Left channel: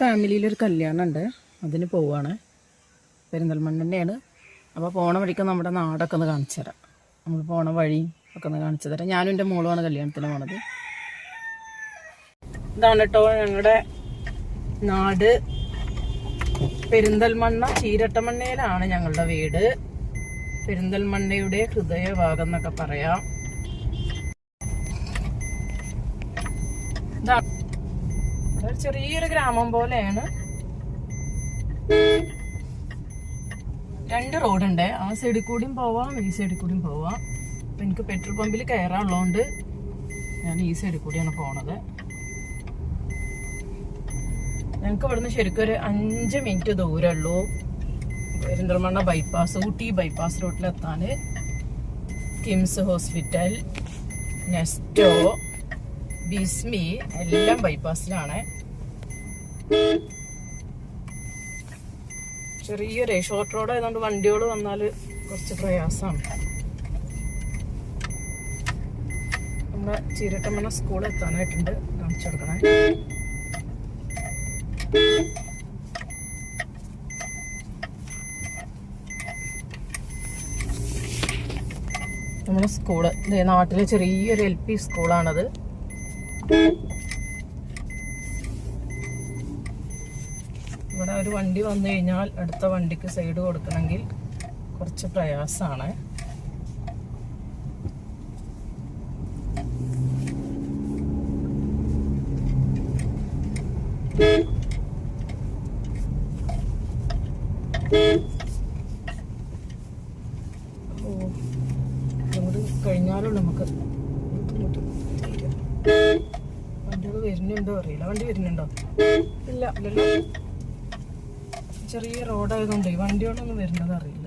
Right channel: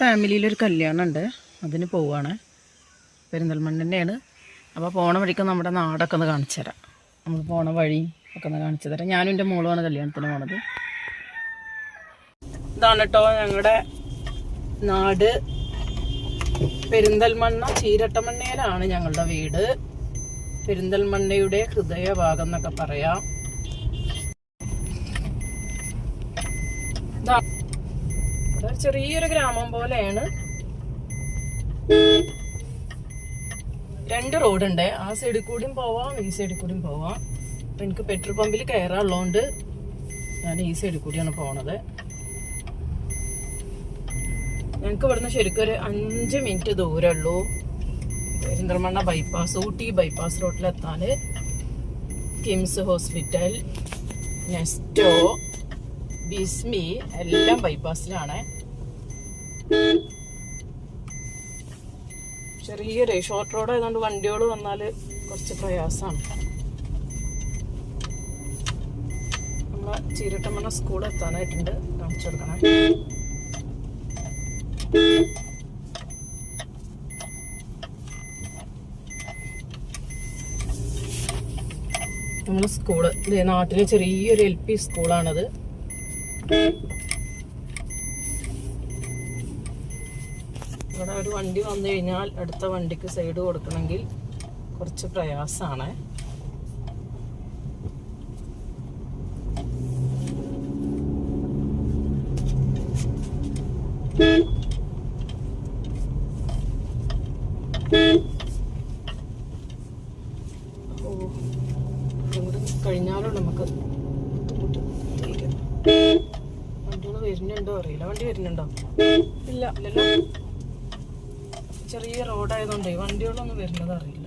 ഫാമിലിയിലൊരു കല്യാണം ഉണ്ട്, അതിന് പോവുകയാണ്. പെരിന്തൽമണ്ണ തന്നെയാണ്. അപ്പോൾ പോണ വഴിക്ക് നമ്മുടെ നാടൊക്കെ ഒന്ന് കാണിച്ചു തരാം. നമ്മൾ പോണ വഴി ഒക്കെ ഒന്ന് കാണിച്ചു തരാം. ഞാനും എൻ്റെ മോളുമാണ് കല്യാണത്തിന് പോണത്. ഇതാണ് കേട്ടോ ഞങ്ങളുടെ നാട്. പെരിന്തൽമണ്ണ ചീരട്ടമണ്ണയിലാണ് ഞങ്ങളുടെ വീട്. പെരിന്തൽമണ്ണയുടെ ഹൃദയഭാഗം എന്നൊക്കെ പറയാം. ചെറിയൊരു ഗ്രാമം പോലെയാണ്. 2 റോഡുണ്ട്. ആ സൈഡിൽ കൂടിയും പോവാം, ഈ സൈഡിൽ കൂടിയും പോവാം. അപ്പം എനിക്ക് പെട്രോൾ പമ്പിൽ കയറാനുള്ളതുകൊണ്ട് ഞാൻ ഈ സൈഡിൽ കൂടിയാണ് പോണത്. ഞങ്ങൾക്ക് ഇവിടുന്ന് ശരിക്കും ഒരു 5 മിനിറ്റ് ദൂരമേ ഉള്ളൂ പെരിന്തൽമണ്ണ ബൈപ്പാസ്, ഊട്ടി ബൈപ്പാസ് റോഡിലെത്താൻ. കിംസ് ഹോസ്പിറ്റൽ, നെസ്റ്റോ, ബിസ്മി എല്ലാം ബൈപ്പാസിലാണ്. ചെറിയൊരു ഷോർട്ട് റോഡ് ആയതുകൊണ്ട് വണ്ടികൾ വന്നാൽ കുറച്ച് പ്രയാസമാണ്. നമ്മുടെ ചീരട്ടമണ്ണ സ്കൂൾ എത്താനായിട്ടുണ്ട്, കാണിച്ചെടുക്കണേ. നമ്മുടെ സ്കൂള് നാട്ടിലെ ചെറിയൊരു LP സ്കൂളാണത്. ഇവിടെ ഒരു വണ്ടി വന്നു കഴിഞ്ഞാൽ അടുത്ത വണ്ടിക്ക് സൈഡ് കൊടുക്കണമെങ്കിൽ കുറച്ച് പ്രയാസമാണ്. കഴിഞ്ഞാലും നമുക്ക് വണ്ടികൾ വരുന്നുണ്ടോ അറിയില്ല. വണ്ടി വരുന്നുണ്ടോ? ഇല്ല, ഇല്ലല്ലോ. ചെറിയ റോഡായതുകൊണ്ടേ വണ്ടികളൊന്നും വരുന്നത് അറിയില്ല.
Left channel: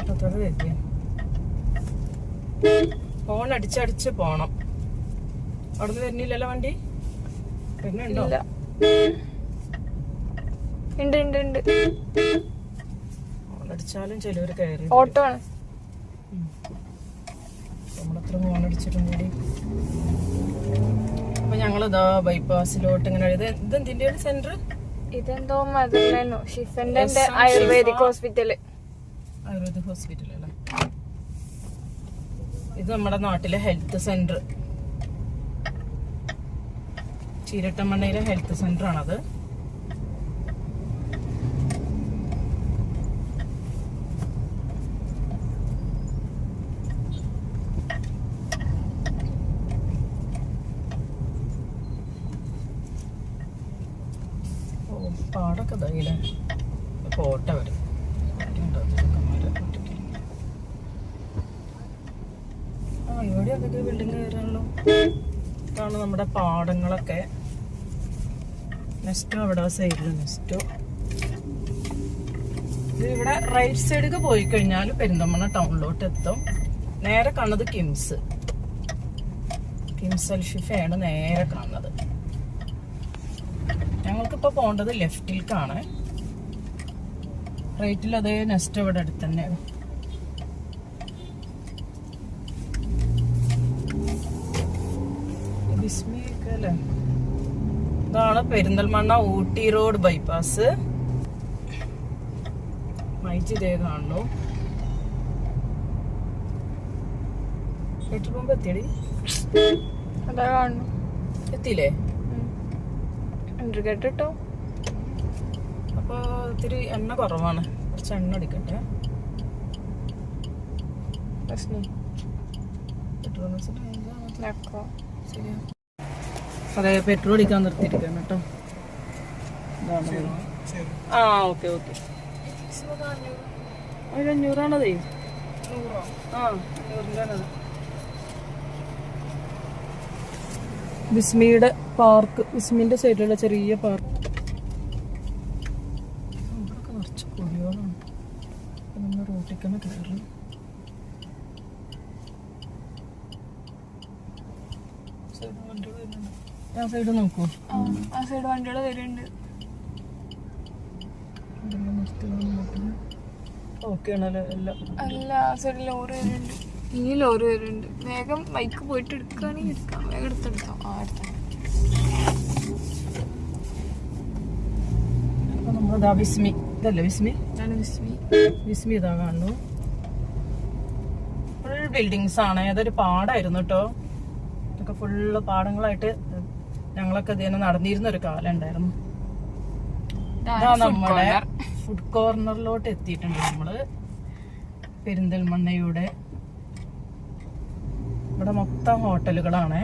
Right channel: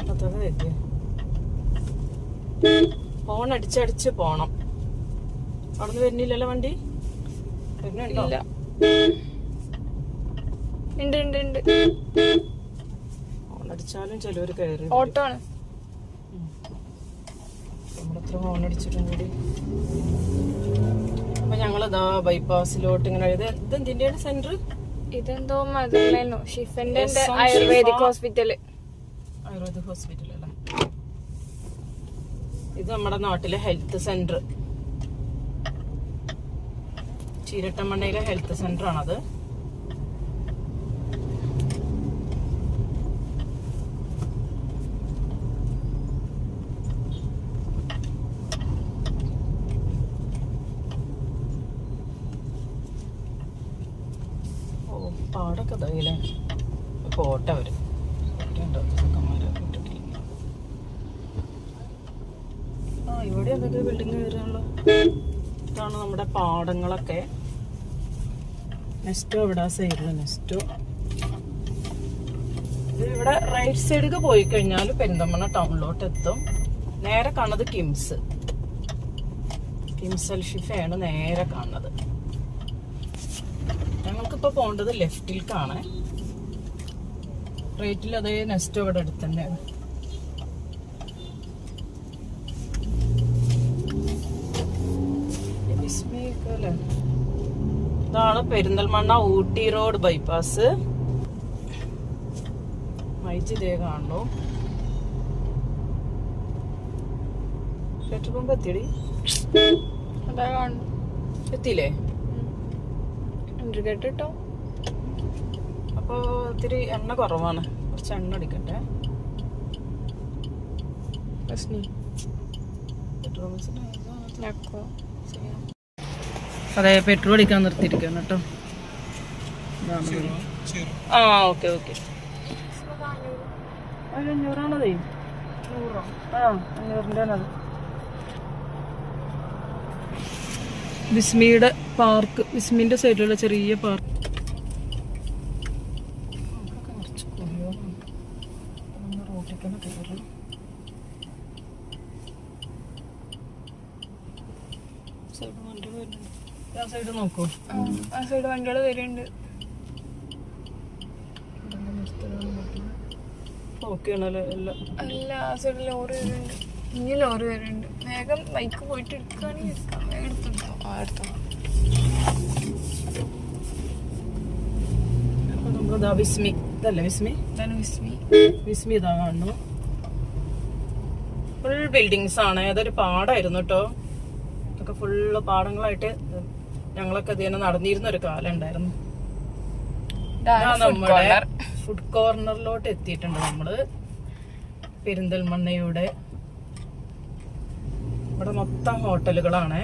അതൊക്കെ ഫോൺ അടിച്ചടിച്ച് പോണം. അവിടുന്ന് വരുന്നില്ലല്ലോ വണ്ടി? വരുന്നുണ്ടോ? ഫോൺ അടിച്ചാലും ചിലവര് കയറി. ഓട്ടോ ആണ്. നമ്മളിത്ര ഫോൺ അടിച്ചിട്ടും കൂടി. അപ്പൊ ഞങ്ങളിതാ ബൈപ്പാസിലോട്ട് ഇങ്ങനെ. ഇതെന്തിന്റെ സെന്റർ? ഇതെന്തോ മദർലൈനോ ഷിഫന്റെ ആയുർവേദിക് ഹോസ്പിറ്റല്. ആയുർവേദിക് ഹോസ്പിറ്റൽ അല്ലേ? ഇത് നമ്മുടെ നാട്ടിലെ ഹെൽത്ത് സെന്റർ, ചീരട്ടമണ്ണയിലെ ഹെൽത്ത് സെന്റർ ആണത്. പാടൊക്കെ ഇതായില്ലേ? കോട്ട വരും. ഇവിടെ അതൊക്കെ ബിൽഡിങ് കയറാണല്ലോ. ഇതാണ് നമ്മുടെ പാടങ്ങളൊക്കെ. നെസ്റ്റോ ഇവിടെ സൈഡില് നെസ്റ്റോ. ഇവിടെ റൈറ്റ് സൈഡിലേക്ക് പോയി കഴിഞ്ഞാൽ പെരിന്തൽമണ്ണ ടൗണിലോട്ട് എത്തും. നേരെ കാണുന്നത് കിംസ് അൽഷിഫയാണ് നേരെ കാണുന്നത്. ഞങ്ങൾക്കിപ്പോ പോകേണ്ടത് ലെഫ്റ്റിലേക്കാണ്. റൈറ്റിൽ അതേ നെസ്റ്റോ ഇവിടെ അടുത്ത് തന്നെയാണ്. ഇതാണ് പെരിന്തൽമണ്ണ ഊട്ടി റോഡ് ബൈപ്പാസ്. മൈജിതേ കാണുന്നു. പെട്രോൾ പമ്പ് എത്തിയടി? അതാ കാണുന്നു. എത്തിയില്ലേ? കേട്ടോ. അപ്പൊ ഇത്തിരി എണ്ണ കുറവാണ്, കുറച്ച് എണ്ണ അടിക്കട്ടെ. അതെ, പെട്രോൾ അടിക്കാൻ നിർത്തിയിരിക്കാണ് കേട്ടോ. ആ ഓക്കെ ഓക്കെ. 500ആണതേ. ആ 500-ൻ്റെ. വിസ്മിയുടെ പാർക്ക്, വിസ്മിന്റെ സൈഡിലുള്ള ചെറിയ പാർക്ക്. നിറച്ച് പൊടിയോളാണ്. നമ്മൾ റോട്ടിലേക്കാണ് കയറുന്നത്. ആ സൈഡ് നോക്കൂ. ആ സൈഡ് വണ്ടികൾ വരുന്നുണ്ട്. ഓക്കെ ആണല്ലേ എല്ലാം? അല്ല, ആ സൈഡിൽ ലോറി വരുന്നുണ്ട്. ഇനി ലോറി വരുന്നുണ്ട്. വേഗം ബൈക്ക് പോയിട്ട് എടുക്കുകയാണെങ്കിൽ എടുക്കാം. വേഗം എടുത്തെടുത്തോ. എടുത്തോ. അപ്പൊ നമ്മളിതാ വിസ്മി, ഇതല്ലേ വിസ്മി? ഇതാണ് വിസ്മി. വിസ്മി ഇതാ കാണുന്നു. ഫുൾ ബിൽഡിങ്സ് ആണ്. അതൊരു പാടായിരുന്നു കേട്ടോ. ഇതൊക്കെ ഫുള്ള് പാടങ്ങളായിട്ട് ഞങ്ങളൊക്കെ ഇതിനെ നടന്നിരുന്ന ഒരു കാലം ഉണ്ടായിരുന്നു. നമ്മുടെ ഫുഡ് കോർണറിലോട്ട് എത്തിയിട്ടുണ്ട് നമ്മള്. പെരിന്തൽമണ്ണയുടെ ഇവിടെ മൊത്തം ഹോട്ടലുകളാണ്.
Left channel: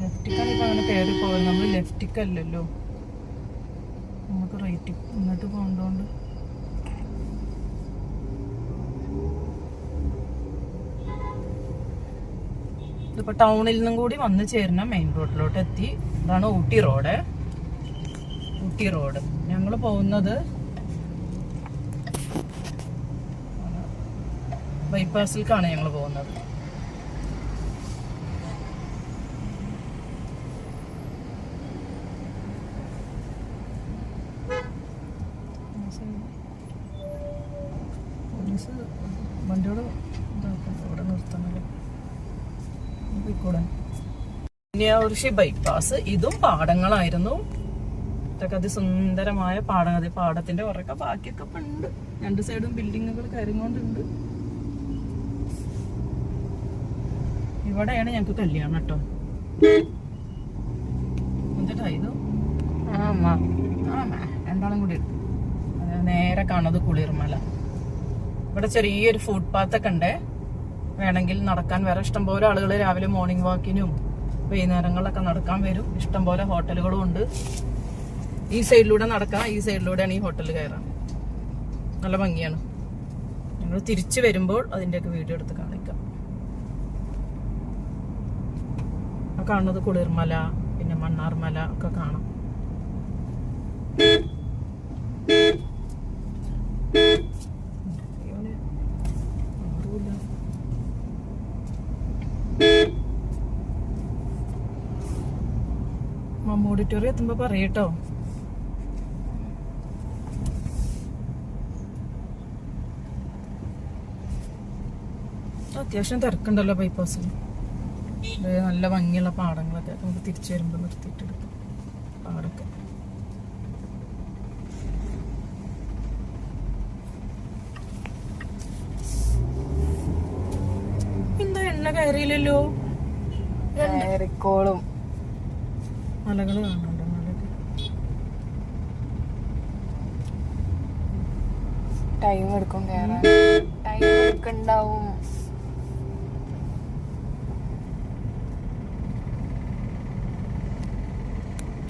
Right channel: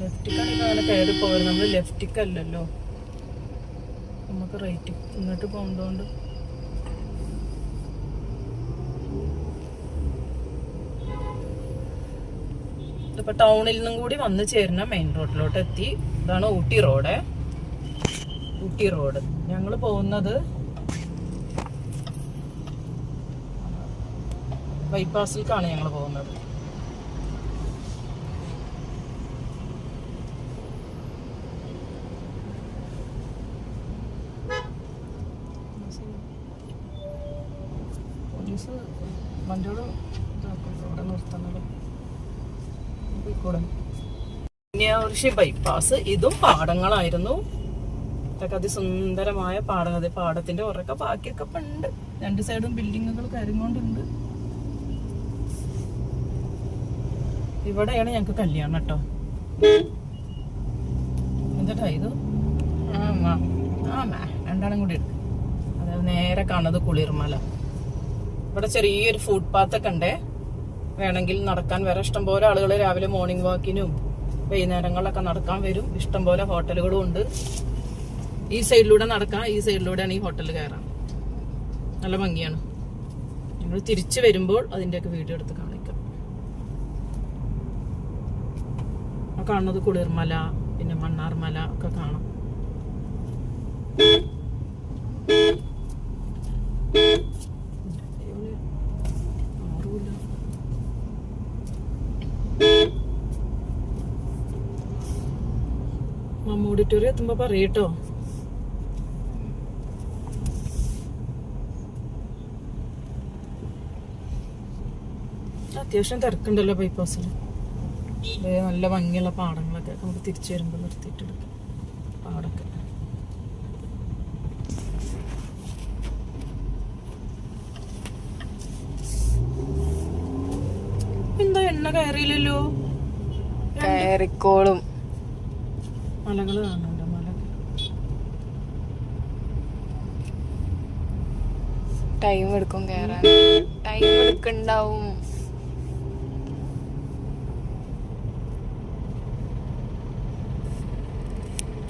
ലെഫ്റ്റിക്കാണെങ്കിൽ അങ്ങനെ കയറി പോയത്. നമ്മള് ലെഫ്റ്റിക്കല്ലല്ലോ, നമുക്ക് റൈറ്റ് ഇങ്ങോട്ട് പോകണ്ടോണ്ട്. ഇതിപ്പോ ടൗണിൽ നിന്നും കൂടി വന്ന് ചേരുന്ന മെയിൻ റോഡിലോട്ട് എത്തി. ഇതാണ് ഊട്ടി റോഡ്. ഊട്ടി റോഡ് ഞങ്ങൾ പോകുന്നത് ബൈപ്പാസിലേക്കാണ് ഞങ്ങൾ പോകുന്നത്. പോലീസ് വണ്ടിയോട് ഇവിടെ നിർത്തുന്നില്ല. കന്യാകുരിശി ബൈപ്പാസ്. ഇതും പാടങ്ങളായിരുന്നു. ഇതൊക്കെ അതിസുന്ദരമായ പാടം. അതെ, പാടത്തിന്റെ ഉറക്കെ ബാക്കിയൊക്കെ ഉണ്ട്. രണ്ട് സൈഡും ബിൽഡിങ്ങുകൾ കയറിക്കൊണ്ടുണ്ട്. ഇവിടെയാണ് ഞങ്ങക്ക് കല്യാണം കേട്ടോ. എന്താ ഇത്? രണ്ടാളും കൂടി ഉണ്ട്. അതായത് നേരെ കാണുന്നത് കുളിർമല. ഇവിടെ ചെറിയൊരു ഫുട് പാത്തൊക്കെ ഉണ്ടേ. വേണമെങ്കിൽ നടക്കാൻ വേറെ ഇഷ്ടംപോലെ ആളുകൾ രാവിലെ മോർണിംഗ് വാക്കിനും വൈകുന്നേരങ്ങളിലൊക്കെ നടക്കാൻ വരും. ഇഷ്ടംപോലെ ഹോട്ടലുകളും ഉണ്ട്. ഈ സൈഡിലൂടെ നടക്കാം, ഈ സൈഡിലൂടെയാണ് ഈ ഹോട്ടലിൽ കയറാം. നല്ല ഭംഗിയാണ്. ഞങ്ങൾ തിരിച്ചു വരുമ്പോൾ അതിൻ്റെയൊക്കെ വീഡിയോ എടുത്ത് കാണിക്കാം. ആ കാണുന്നത് കുളിർമല, പിന്നെ മണ്ണാർമല ഒക്കെ കാണാം. ഓഡിറ്റോറിയം എത്തുമ്പോ പറയട്ടോ. അത്യാവശ്യം തിരക്കുണ്ടല്ലോ ബൈപ്പാസിൽ. നല്ല ഭംഗിയുള്ള പാടങ്ങളൊക്കെ നമുക്ക് തിരിച്ചു വരുമ്പോൾ നിർത്തിയിട്ടെടുക്കാം. പാടൊക്കെ എന്താ എണ്ണ കയറിയില്ലല്ലോ. കയറിക്കോളും. മലകള് കാണുന്നുണ്ട്. മലകൾ ടൈം എടുക്കും കയറാൻ. ടൈം എടുക്കണ്ടാവും.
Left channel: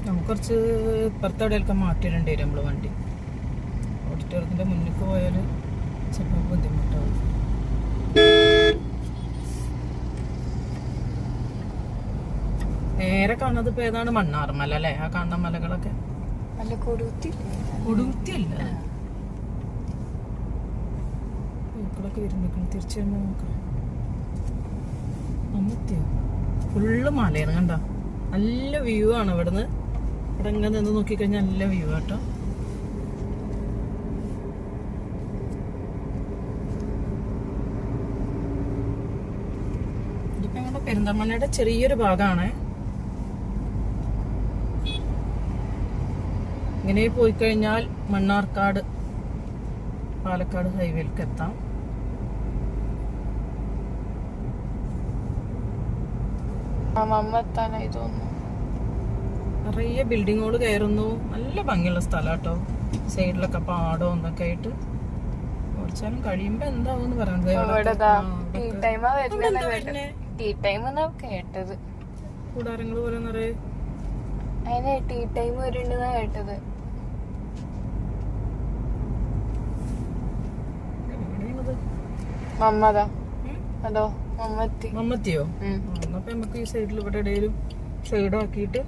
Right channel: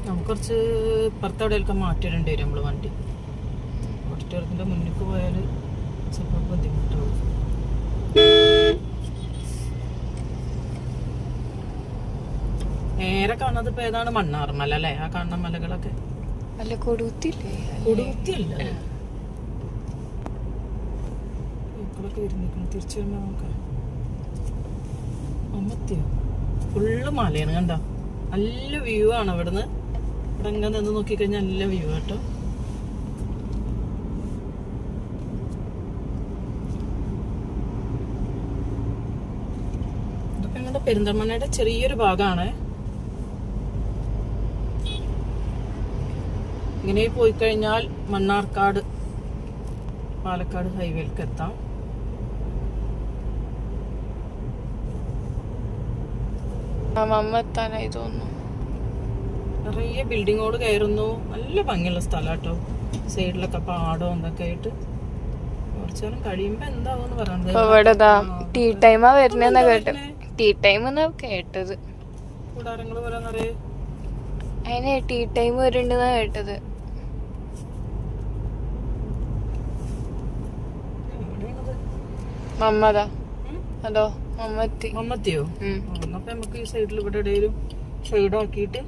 നമുക്ക് കുറച്ച് ഇപ്പുറത്തെവിടെയൊക്കെ മാറ്റിയിടേണ്ടി വരും നമ്മള് വണ്ടി. ഓഡിറ്റോറിയത്തിന്റെ മുന്നിലേക്ക് പോയാൽ ചിലപ്പോൾ ബുദ്ധിമുട്ടാവും. നേരെ കാണുന്നത് ഇപ്പൊ ഏതാണ്? മണ്ണാർമല അല്ലേ? ആ കാണുന്ന മലകളൊക്കെ കൊടുത്തിയല്ല. പൂക്കളൊക്കെ വരുന്നിരിക്കുന്നു. തിരിച്ചു വരുമ്പോ നോക്കാം. അമ്മത്തിയോ ഫുള്ള് മലയാണ്. കണ്ട നല്ല വ്യൂ ആണ് ഇവിടുന്ന്. ഇവിടെ എങ്ങനെ നിന്ന് നോക്കിക്കഴിഞ്ഞാൽ നല്ല വ്യൂ ആട്ടോ. ഇതൊക്കെ ഞങ്ങളുടെ പെരിന്തൽമണ്ണയുടെ ചെറിയൊരു ഭാഗമാണ്. ഇങ്ങനെ പോയി കഴിഞ്ഞാൽ മണ്ണാർക്കാട് പാലക്കാട് ഹൈവേയിലേക്ക് എത്താം. എത്താനായി തോന്നുന്നു. നിറയെ ബിൽഡിങ്ങുകൾ കയറുന്നു. നല്ല ഭംഗിയുള്ള സ്ഥലം കേട്ടോ. സൈഡിലൊക്കെ പാടോ എന്തൊക്കെ ആയിട്ട്. കുറച്ചേരം കഴിയുമ്പോ എന്താവെന്ന് പറയുന്നത്. ടീ ടൈമാ വരുന്ന കേട്ടത്. ടീ ടൈം കേട്ടത്. കൂടാരങ്ങൾ പോലെ നിറയെ അതിന് ടീ ടൈം വരുന്നുണ്ടെന്നാ കേട്ടത്. മമ്മതാ അതോ മമ്മത്തിയോ? അപ്പൊ നമുക്ക് ഈ സൈഡിൽ ഇവിടെ ഇടയിലും ഷെയ്ഡ് ആക്കിയിട്ട്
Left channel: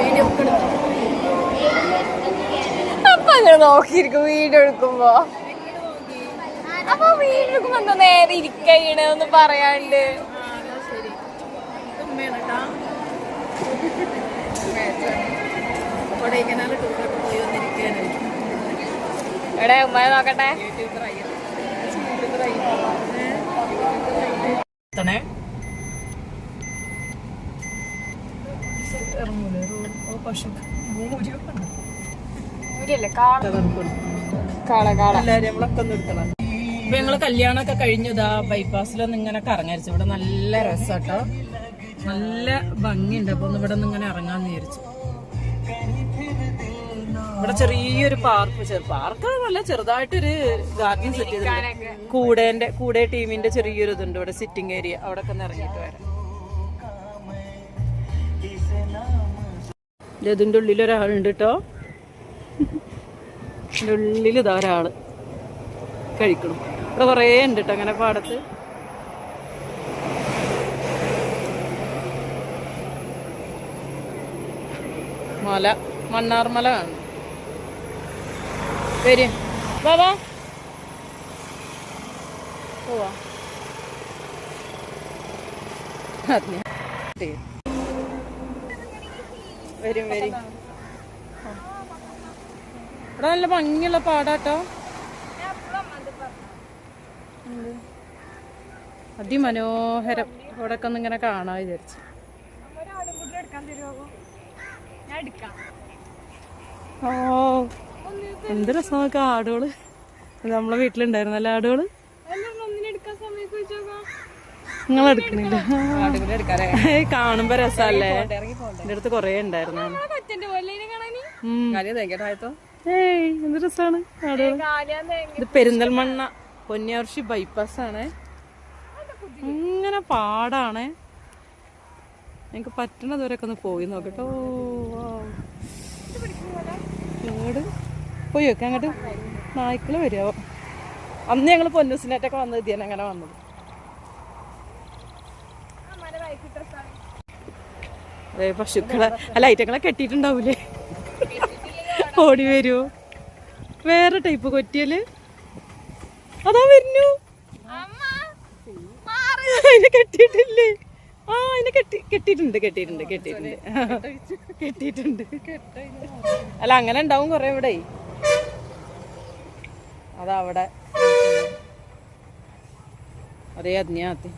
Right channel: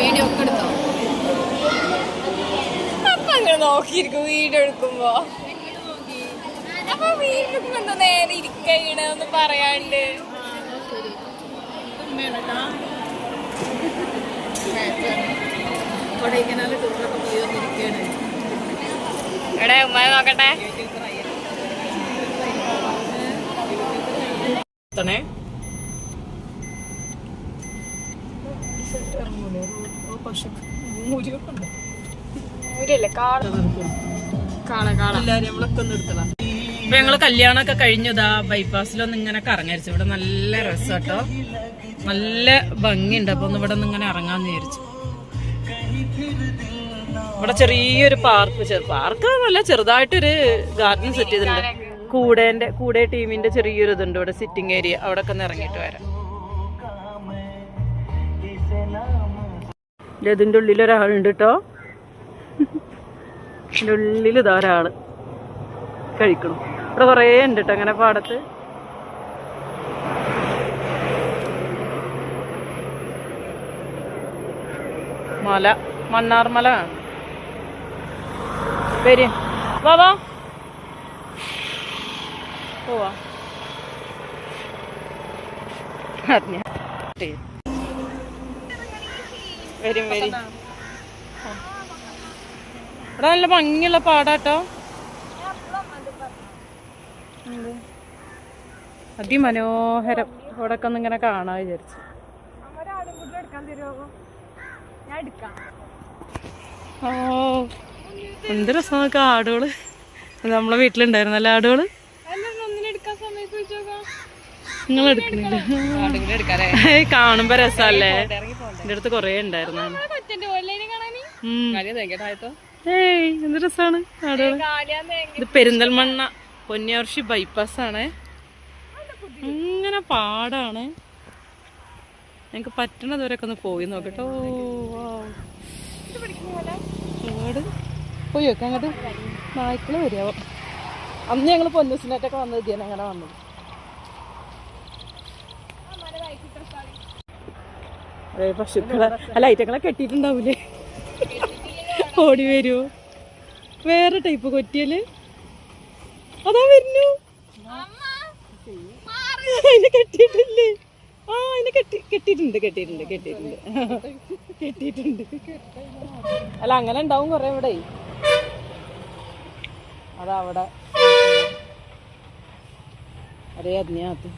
വീഡിയോ ഒക്കെ എടുക്കാം. അപ്പൊ അങ്ങനെ നോക്കിയിരിക്കും വീഡിയോ എടുക്കുമ്പോ. അപ്പൊ വീട്ടിലേക്ക് വന്ന നേരെ ഇരിക്കണ ഒന്ന് പറയാണ്ട്. ശരി, ഉമ്മയാണ് കേട്ടാ. കൊടൈക്കനാല് ടൂറൊക്കെ പോയി വന്നിരിക്കുകയാണ്. ഇവിടെ ഉമ്മയെ നോക്കട്ടെ. അപ്പൊ ഞങ്ങള് കല്യാണമൊക്കെ കഴിഞ്ഞതാ ബൈപ്പാസിലൊന്ന് ഇങ്ങനെ കറങ്ങരിച്ചു. ഇവിടെ നല്ല രസാട്ടോ, നല്ല ഭംഗിയുണ്ട്. അപ്പൊ ഒന്ന് ഇവിടെ നിന്ന് ഇങ്ങനെ ഇറങ്ങാന്ന് വിചാരിച്ചു. ഇവിടെ ചെറിയൊരു പാർക്ക് നല്ല ചെറുതായിട്ടൊരു ഗാർഡൻ സെറ്റ് ചെയ്തിട്ടുണ്ട്. കൂടെ ടീമിന്റെ ചെറിയൊരു ഇതുണ്ട് ഇവിടെ, സിറ്റിംഗ് ഏരിയ. അവിടെ ഒക്കെ ഒന്ന് ഇറങ്ങിയിട്ട് വരാം. ഇതിന്റെ ഉള്ളിൽ ഒരാളുണ്ട് കേട്ടോ. ഇതിന്റെ ഉള്ളിൽ ഇതാ ഒരാള് കഴിക്കണം. ഇവിടെ കുറേ ഉണ്ട് കേട്ടോ അങ്ങനെ പാടത്ത്. മല, മണ്ണാർമല ആണ്. വരും, വാ പോവാ. വരും ഇവിടെ നല്ല ഭംഗിയുള്ള പാടാട്ടോ. അതിമനോഹരം. ഇവിടെ ഒക്കെ ഒന്ന് ഇങ്ങനെ കാണാൻ വിചാരിച്ചു. ഓ എന്ത് രസം നോക്കാം ആടുകള്. നമ്മളെ വീട്ടിലുണ്ടായിരുന്നല്ലേ ആടുകള്. നിങ്ങൾ എടുക്കണില്ല? കാണുമ്പോ രസല്ലേ. എന്റെ അടുത്ത് കൊറേ ഉണ്ടായിരുന്നു. ഏയ് എന്ത് രസാണ് ആടുകള്. ഇത് പെരിന്തൽമണ്ണ പൊന്നിയാർഷി ബൈപ്പാസ് ആണ്. അങ്ങനെ പാടാണ്. ഞങ്ങക്ക് പറ്റണതുവരെയൊക്കെ ഒന്ന് പോയി നോക്കട്ടോ. പോയി നോക്കാം അങ്ങോട്ട്. നായ്ക്കള് വരുമോ? അന്ന് ഞങ്ങള് പൊന്നൂസിനായിട്ടൊക്കെ വന്നത് ഇതിയാണ് അങ്ങനെ വന്നത്. അതെ, പശുക്കളെ അല്ല ഐറ്റങ്ങളെ കെട്ടിയിട്ടുണ്ടാവൂലേ, ഓടി വരുമോ? വേറെ ടൈപ്പ് കൊറ്റിയല് അതാ വരുന്നു. അതിനെ കെട്ടിയിട്ടില്ലേ? ആ അതിനെ കെട്ടിയിട്ടുണ്ട്. അല്ല അങ്ങനെ ഉണ്ടാവും കൊറേ ഇവിടെ. അതവിടെ അതേ അതിനകത്ത്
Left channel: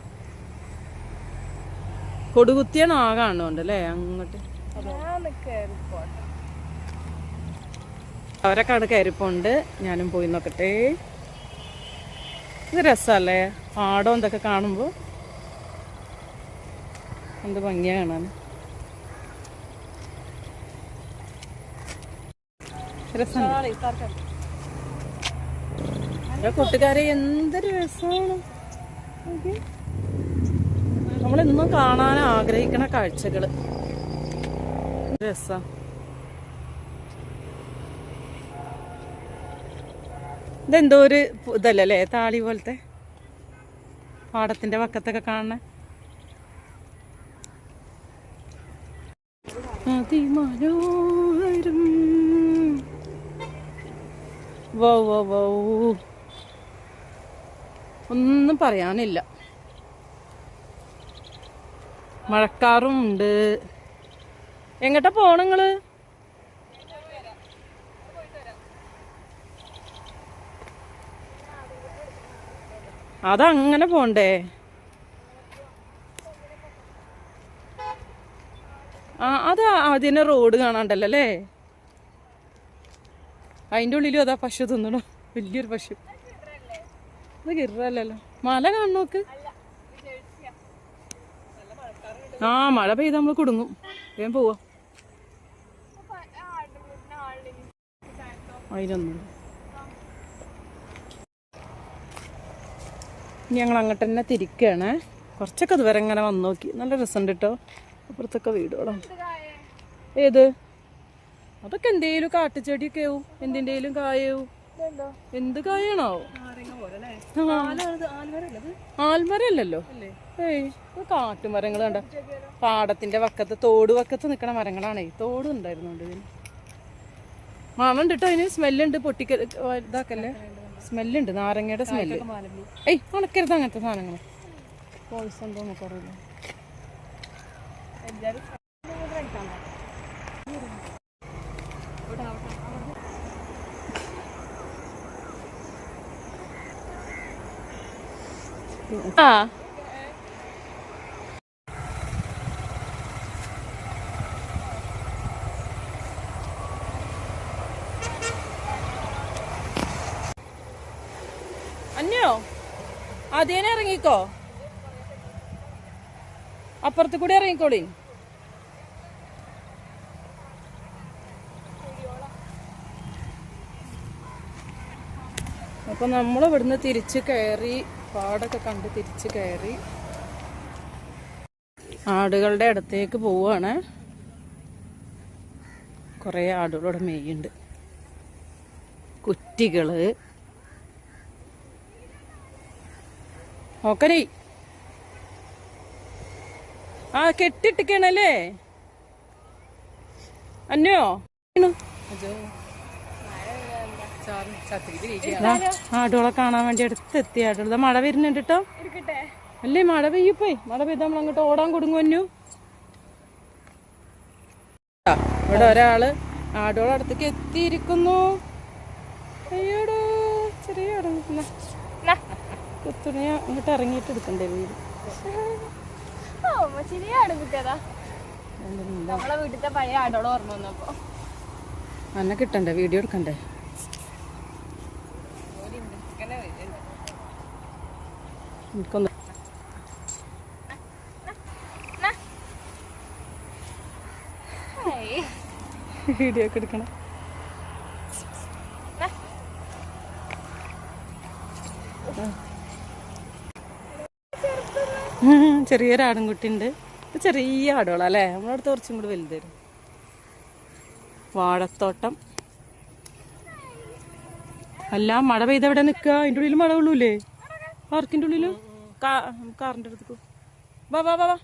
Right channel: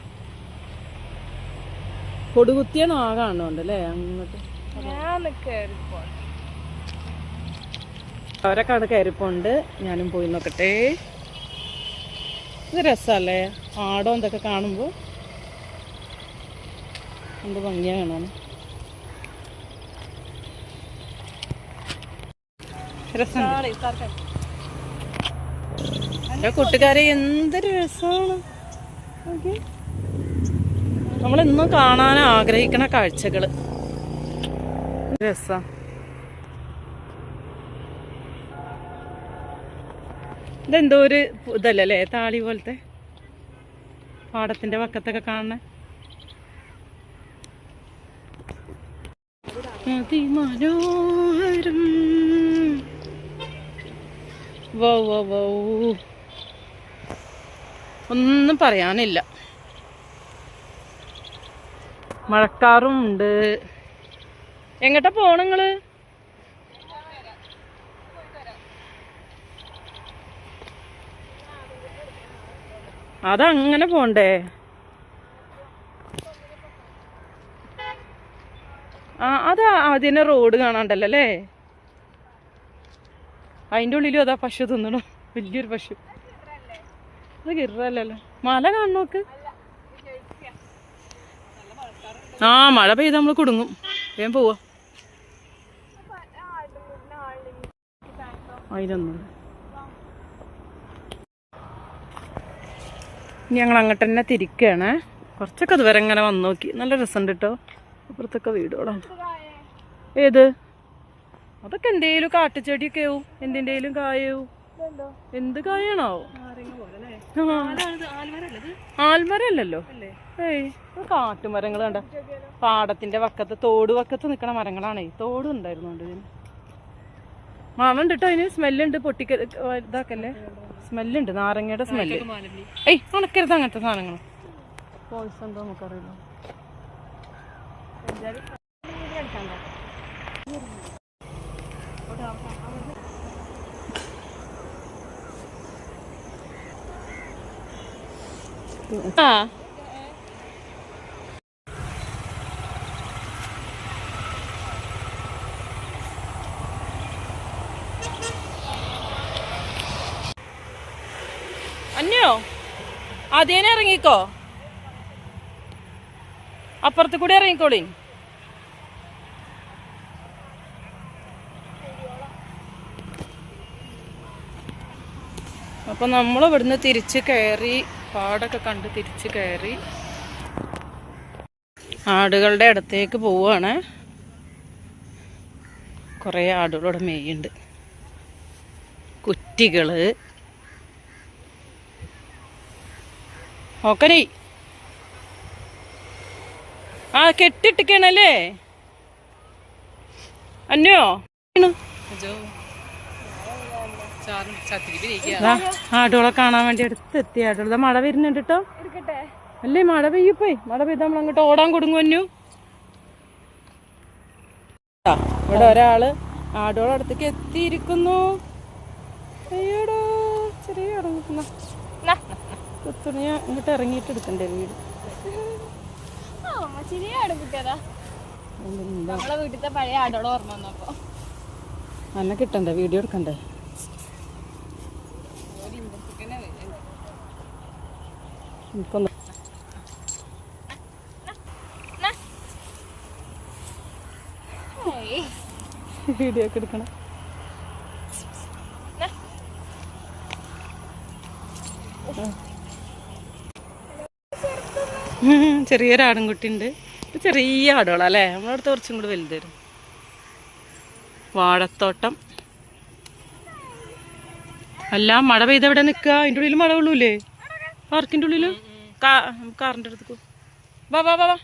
കൊടുകുത്തിയാണ് ആ കാണുന്നുണ്ട് അല്ലേ അങ്ങോട്ട്. അവരൊക്കെ കയറിപ്പോണ്ട്. ഞാനും പോയി നോക്കട്ടെ. ഇത് രസമല്ലേ പാടം എന്തൊക്കെ കാണുമ്പോ. എന്ത് ഭംഗിയാ കാണാൻ. രസമുണ്ട്. കൂട്ടുകാരെ എന്തൊരു രസമാണ്. നമ്മളെന്നും കാണാൻ ആഗ്രഹിക്കണ കാഴ്ചകള്. രസാ. ഇതെന്തോ ഒരു ഇതല്ലേ താളി പോലത്തെ പാടത്തിന്റെ വക്കത്തൊക്കെ കാണണ. അതിമനോഹരം. വൗ വൗ വൗ, ഒന്നും പറയാനില്ല. മഴക്കാറും ഉണ്ട്. എങ്ങോട്ടാ പോണ നിങ്ങള്? അതങ്ങനെ പോണ്ടേ? ആ അത് അതിനെ റോഡ് കാണാണ്ടല്ലോ അല്ലേ. അതിൻ്റെ ഉള്ളിലും അതാ പശു തിന്നണോ, വലിയൊരു പശു. അത് കിറല്ലല്ലോ. മല കാണു നോക്ക്. ആ മഴ പെയ്ത് നമ്മൾ കുടുങ്ങും. വേഗം പോവാ. അതിനൊന്നും ഇനി ഞങ്ങൾ അങ്ങോട്ട് തന്നെ തിരിക്കുകയാണ്. കുറച്ചൊക്കെ അതുവരെ ഇങ്ങനെ വന്നു നോക്കി. നല്ല രസമുണ്ട് കേട്ടോ. അപ്പുറത്തൊക്കെ വീടുകളാണ്. ഏത് അതൊക്കെ എന്തേലും കാട്ടുചെടിയൊക്കെ ആവും. എന്തിൻ്റെലും കായവും. എന്ത് കായാണോ? ആൽമരല്ലല്ലോ. ഏയ് കാട്ടുമരങ്ങൾ കണ്ട. പാടത്തിന്റെ വക്കത്ത് തോട് വക്കത്ത് നിൽക്കണ മരങ്ങളാണേ. തോടും ഉണ്ടായിരുന്നുണ്ട് ഇതിന്. മണുണ്ട് കേട്ടോ. അതിന് സ്മെല്ലുണ്ട്. പൊട്ടിക്ക ഇതാക്കല്ലേ. സ്മെല്ലുണ്ട്, നാരങ്ങയുടെ സ്മെല്ല്. ഏയ് ഉണക്കരുത് അങ്ങനത്തെ സാധനങ്ങൾ, പോയിസൺ ഉണ്ടോ നമുക്കറിയില്ല. ആ അന്യോ ആദ്യം ഇറങ്ങിക്കോ, അപ്പുറത്ത് കൂടി ഇറങ്ങിക്കോളി. അപ്പൊ നമ്മൾ ഇവിടുന്ന് തിരിച്ച് കയറി, പാടൊക്കെ കണ്ട് തിരിച്ച് കയറി ആടുകളുടെ അടുത്തേക്ക് പോവാണ്. കുറേ ആടുകളോടെ മേയുണ്ട്, കുറ്റികള്. ഓക്കനേ ആ കെട്ടിട്ടിക്കണല്ലേ അന്നോ. ആടുകളെ കാണാൻ വേണ്ടി അടുത്തെത്തി. ആടുകൾ മഴ വരുന്നുണ്ട് കേട്ടോ. അല്ലേ മഴ പെയ്യപ്പോയി, മഴ പെയ്താൽ നമ്മൾ അങ്ങോട്ട് ഓടാൻ കൊടുങ്ങു അന്നു. ഇവിടെ ഒരാള് ആടുകളെ അടുത്തേക്ക് എത്തിയിരിക്കുന്നു. അയ്യോടോ ചെറിയ കുത്തുണിയ ഇങ്ങോട്ട് ഇറങ്ങിയിട്ട് എടുക്കണ്ടേ വീട്. അന്നെ കിട്ടണ്ടേ, വീഡിയോ എടുക്കണ്ടേ. എനിക്കൊന്ന് വീഡിയോ ഒക്കെ എടുക്കണം. ചെറിയൊരു ആടുംകുട്ടിയുണ്ട്. ചെറിയ ആടുകളല്ലേ, നമ്മളടുത്ത് കുറച്ചും കൂടി വലുത് വരും. വാഴത്തോട്ടം. അല്ല മഴ പെയ്ത് എവിടെ നിൽക്കുക? അതിൻ്റെ ഉള്ളിൽ മഴ കൊള്ളൂലേ? പാർക്കിൻ്റെ ഉള്ളിൽ കാറിൻ്റെ അടുത്തേക്ക് വാ വാ വാ വാ.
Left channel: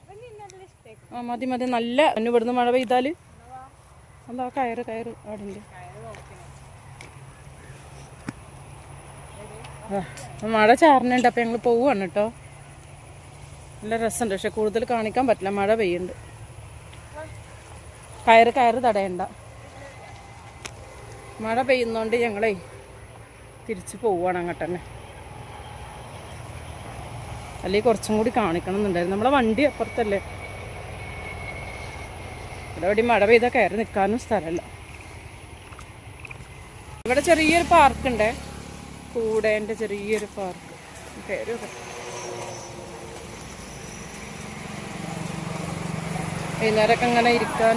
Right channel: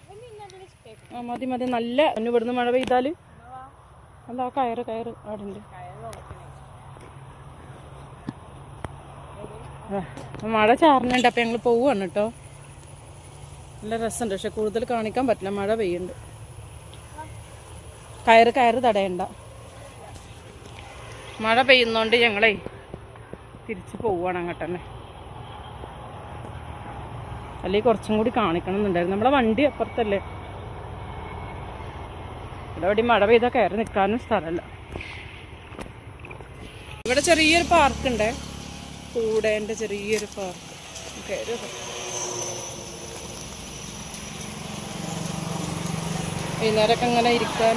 ആ മതി മതി. നല്ല അന്ന് ഇവിടുന്ന് മഴ പെയ്താൽ അല്ല ആ കയറ് ആടുണ്ട്. മഴ ചാറിനുണ്ട്, അപ്പം ഞങ്ങൾ പോവുകയാണ് കേട്ടോ. നല്ല രസമുണ്ട്, പക്ഷെ കൂടുതൽ കാണിക്കാൻ പറ്റില്ല, മഴ പെയ്യുന്നുണ്ട്. കയറ് തടയണ്ട. മഴ പെയ്യുന്നോണ്ട് ഞങ്ങളെ തിരിച്ച് പോവുകയാണ് അങ്ങോട്ട് തന്നെ. അല്ലെങ്കിൽ കുറച്ചും കൂടി കാണിക്കണം എന്നുണ്ടായിരുന്നു. നമ്മളെ വണ്ടി അപ്പുറത്തല്ലേ, ഇവിടെ മഴ പെയ്താൽ കയറി നിൽക്കാനും സ്ഥലമല്ല. ഇവിടെ ചെറിയൊരു പാർക്കുണ്ട്, കൂടേൻ്റെ ചെറിയൊരു പാർക്ക്. കയറി വൈകുന്നേരമൊക്കെ അങ്ങനെ ഇരിക്കാൻ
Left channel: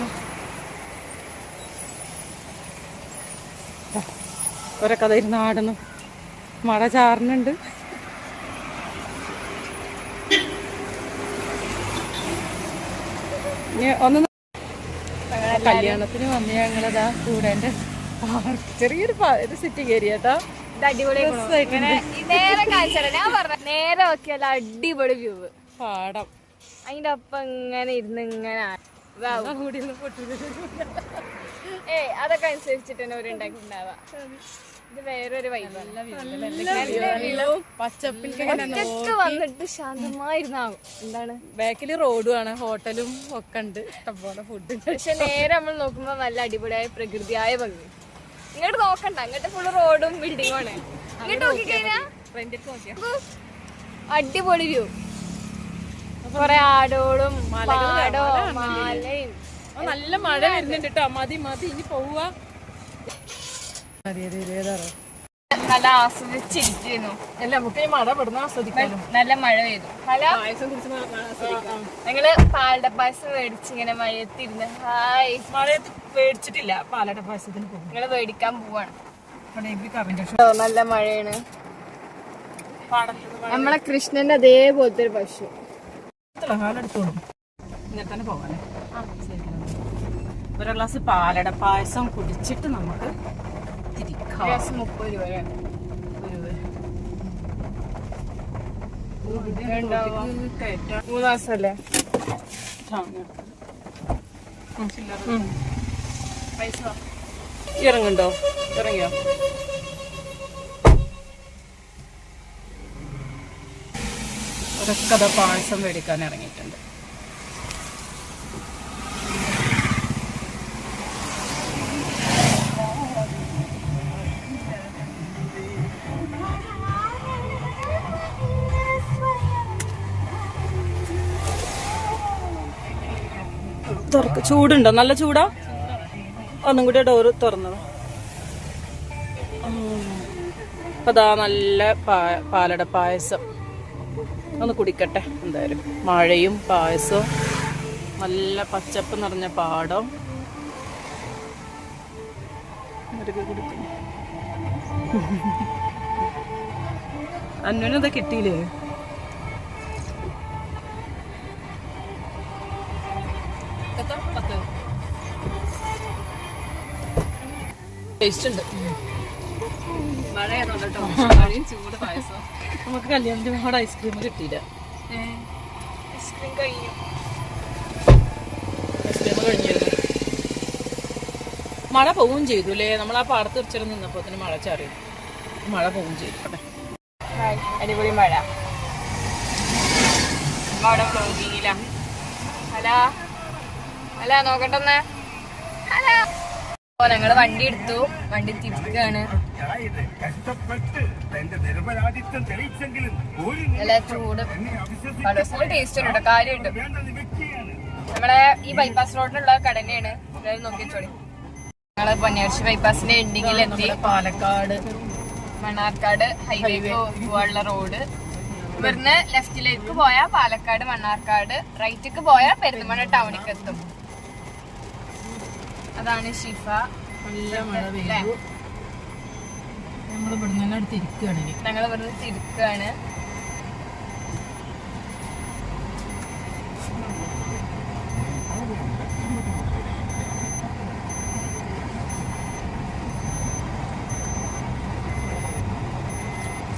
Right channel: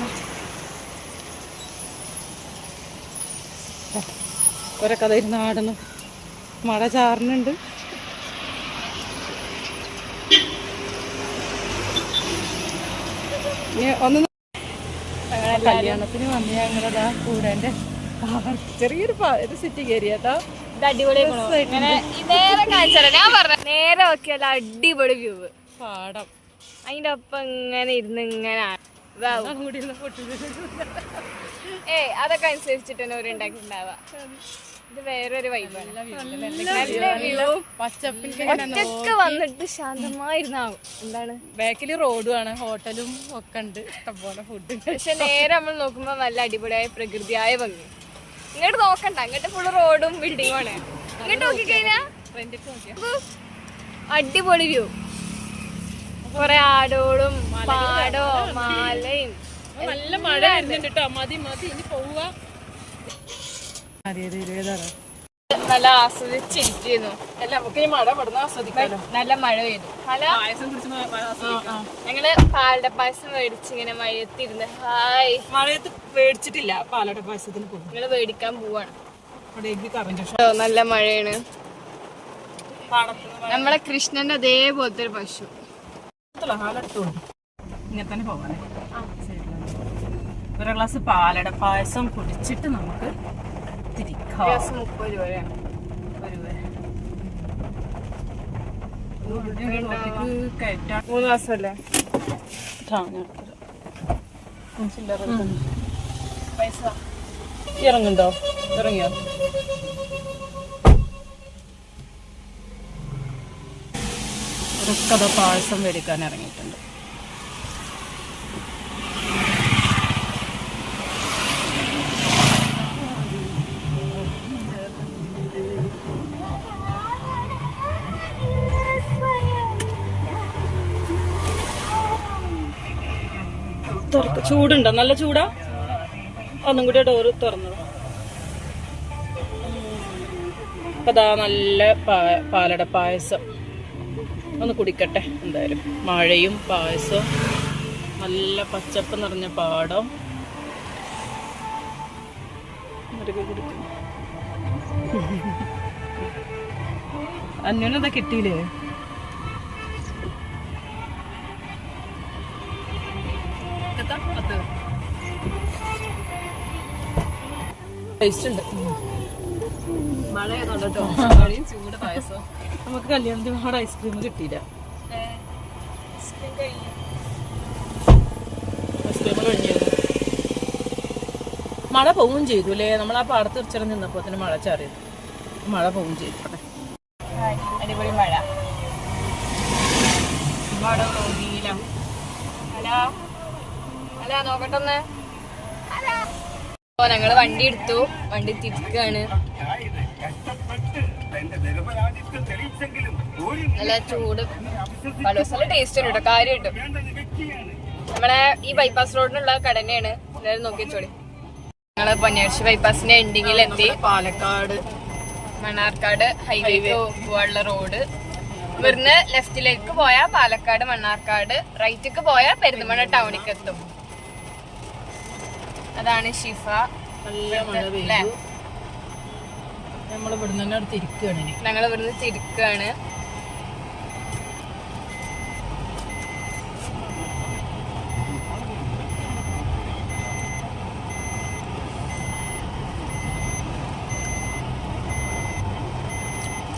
ഒരൊക്കെ കഥ ഇരുന്ന് ആടുന്നു. മഴ ചാറുന്നുണ്ട്. ഒന്ന് കല്യാണത്തിന് വന്ന് ഞങ്ങളതാ കൂടേൻ്റെ പാർക്ക്, ചെറിയൊരു സിറ്റി കയറി കേട്ടോ. നേരെ നോക്കിയാൽ അടിപൊളി വ്യൂ, പാടം. അതിന്റെ ഒപ്പം ഇങ്ങനെ ഇരുന്ന് ഇങ്ങനെ അതൊക്കെ അനുസരിച്ചിട്ട് തന്നെ ഉണ്ടാക്കിണ്ടാവുക. ഇത് വേറൊരു വൈബാണ്. ഒറ്റക്ക് വന്നിട്ട് ശാന്തമായിരുന്നാകും. എന്താണ് ബാക്കിൽ റോഡുമാണ്, ഹോട്ടലും ഒക്കെ ഉണ്ട്, ഇഷ്ടംപോലെ ഫുഡ്. പക്ഷെ നേരെ നമ്മൾ നോക്കുമ്പോ നല്ല അടിപൊളിയായ പ്രകൃതിയായ ഭംഗി. ഇങ്ങോട്ട് നോക്കണ്ട, അങ്ങോട്ട് ഫുള്ള് റോഡും ബിൽഡിങ്ങും ആണ്. ഇങ്ങോട്ട് നോക്കിക്കഴിഞ്ഞാ അടിപൊളി വ്യൂ. കൊറേ ആടോളും പാടവും മാലയും. നല്ല മഴ വരുന്നുണ്ട് കേട്ടോ. മതി ഇനി പോവാ. നല്ല ആസ്വദിച്ചിരിക്കുന്നു. അല്ല നമുക്ക് ഈ മഴ പെടുന്ന ആസ്വദിക്കാലോ. നല്ല മഴ പെയ്തു. ഞങ്ങള് പാലട പായസം മേടിച്ച് ഇങ്ങനെ മഴയത്തിരുന്ന് ഹായ്. മഴയത്ത് മേടിച്ചിട്ടില്ല, പാലട പായസത്തിന് പോകും. നിങ്ങള് മേടിക്കാൻ പോവാണ്. നല്ല മഴയാണ്. നമ്മളെ കൃഷ്ണന്റെ അതേപോലത്തെ ഒരു പശു. ഇങ്ങനെ തന്നെ പോവാനേ. ഒരു ഗ്ലാസ് പാലട പായസം കുടിച്ചിട്ട് നമുക്ക് തിരിക്കാം. 30 രൂപയാണ്. 3 മാസല്ലേ പൈസ. ഇറങ്ങുണ്ടോ? ഇറങ്ങിയോ? ഒരൊക്കെ അതാ പായസം മേടിക്കാൻ ഇറങ്ങിയിട്ടുണ്ട്. ചൂടുണ്ടോ? നല്ല ചൂടാ. ഒന്നും കൂടി ഡോറ് തുറന്നത്. അതാ നല്ല പാലട പായസം. ഒന്ന് കുടിക്കട്ടെ എന്തായാലും. മഴയും പായസവും നല്ല പച്ചപ്പ് നിറഞ്ഞ പാടം. കുടിക്കുന്നു. അന്നേരം കിട്ടിയില്ലേ? ടേസ്റ്റ് ഉണ്ട്. നമുക്ക് കല്യാണത്തിന് അവിടെ ഐസ്ക്രീം കിട്ടിയില്ല. ഐസ്ക്രീം കഴിഞ്ഞിരുന്നു. മഴ പോവുകയും ചെയ്തു അല്ലേ? നമ്മൾ ആ പാടത്ത് ഉച്ചരം നിന്നപ്പോ തന്നെ മഴ ചാറിയത്. മഴ പോവുകയും ചെയ്തു. അടിപൊളി മഴ. ഹലോ ഹലോ നോക്കട്ടെ. അപ്പൊ ഞങ്ങള് വണ്ടി എടുത്തു. വണ്ടി തിരിക്കുകയാണ്. നല്ല ചൂട് നല്ല ടേസ്റ്റ് ഉണ്ട് കേട്ടോ. കാര്യമായിട്ടും നമ്മളെ ഈ ബൈപ്പാസ് റോഡിനുള്ള കട തന്നെയാണ്. എല്ലാവരും നോക്കി വെച്ചോളി. ഞങ്ങള് പൊന്നാശ്ശേരി ബൈപ്പാസിന്റെ എൻഡിങ്ങിൽ എത്തി. പാലക്കാട് മണ്ണാർക്കാട് ഹൈവേക്ക് പോകാനുള്ള റോഡ്. ഇവിടുന്ന് ലെഫ്റ്റിലേക്ക് പോയാൽ പാലക്കാട് മണ്ണാർക്കാട്, റൈറ്റിക്ക് പോയാൽ പെരിന്തൽമണ്ണ ടൗണിക്ക് എത്തും. അതാണ് ഷിഫ. നല്ല മഴ പെയ്തു. ഞങ്ങൾ ഇവിടുന്ന് തിരിക്കുകയാണ്. ഞങ്ങൾ ഇവിടുന്ന് തിരിക്കുകയാണ്.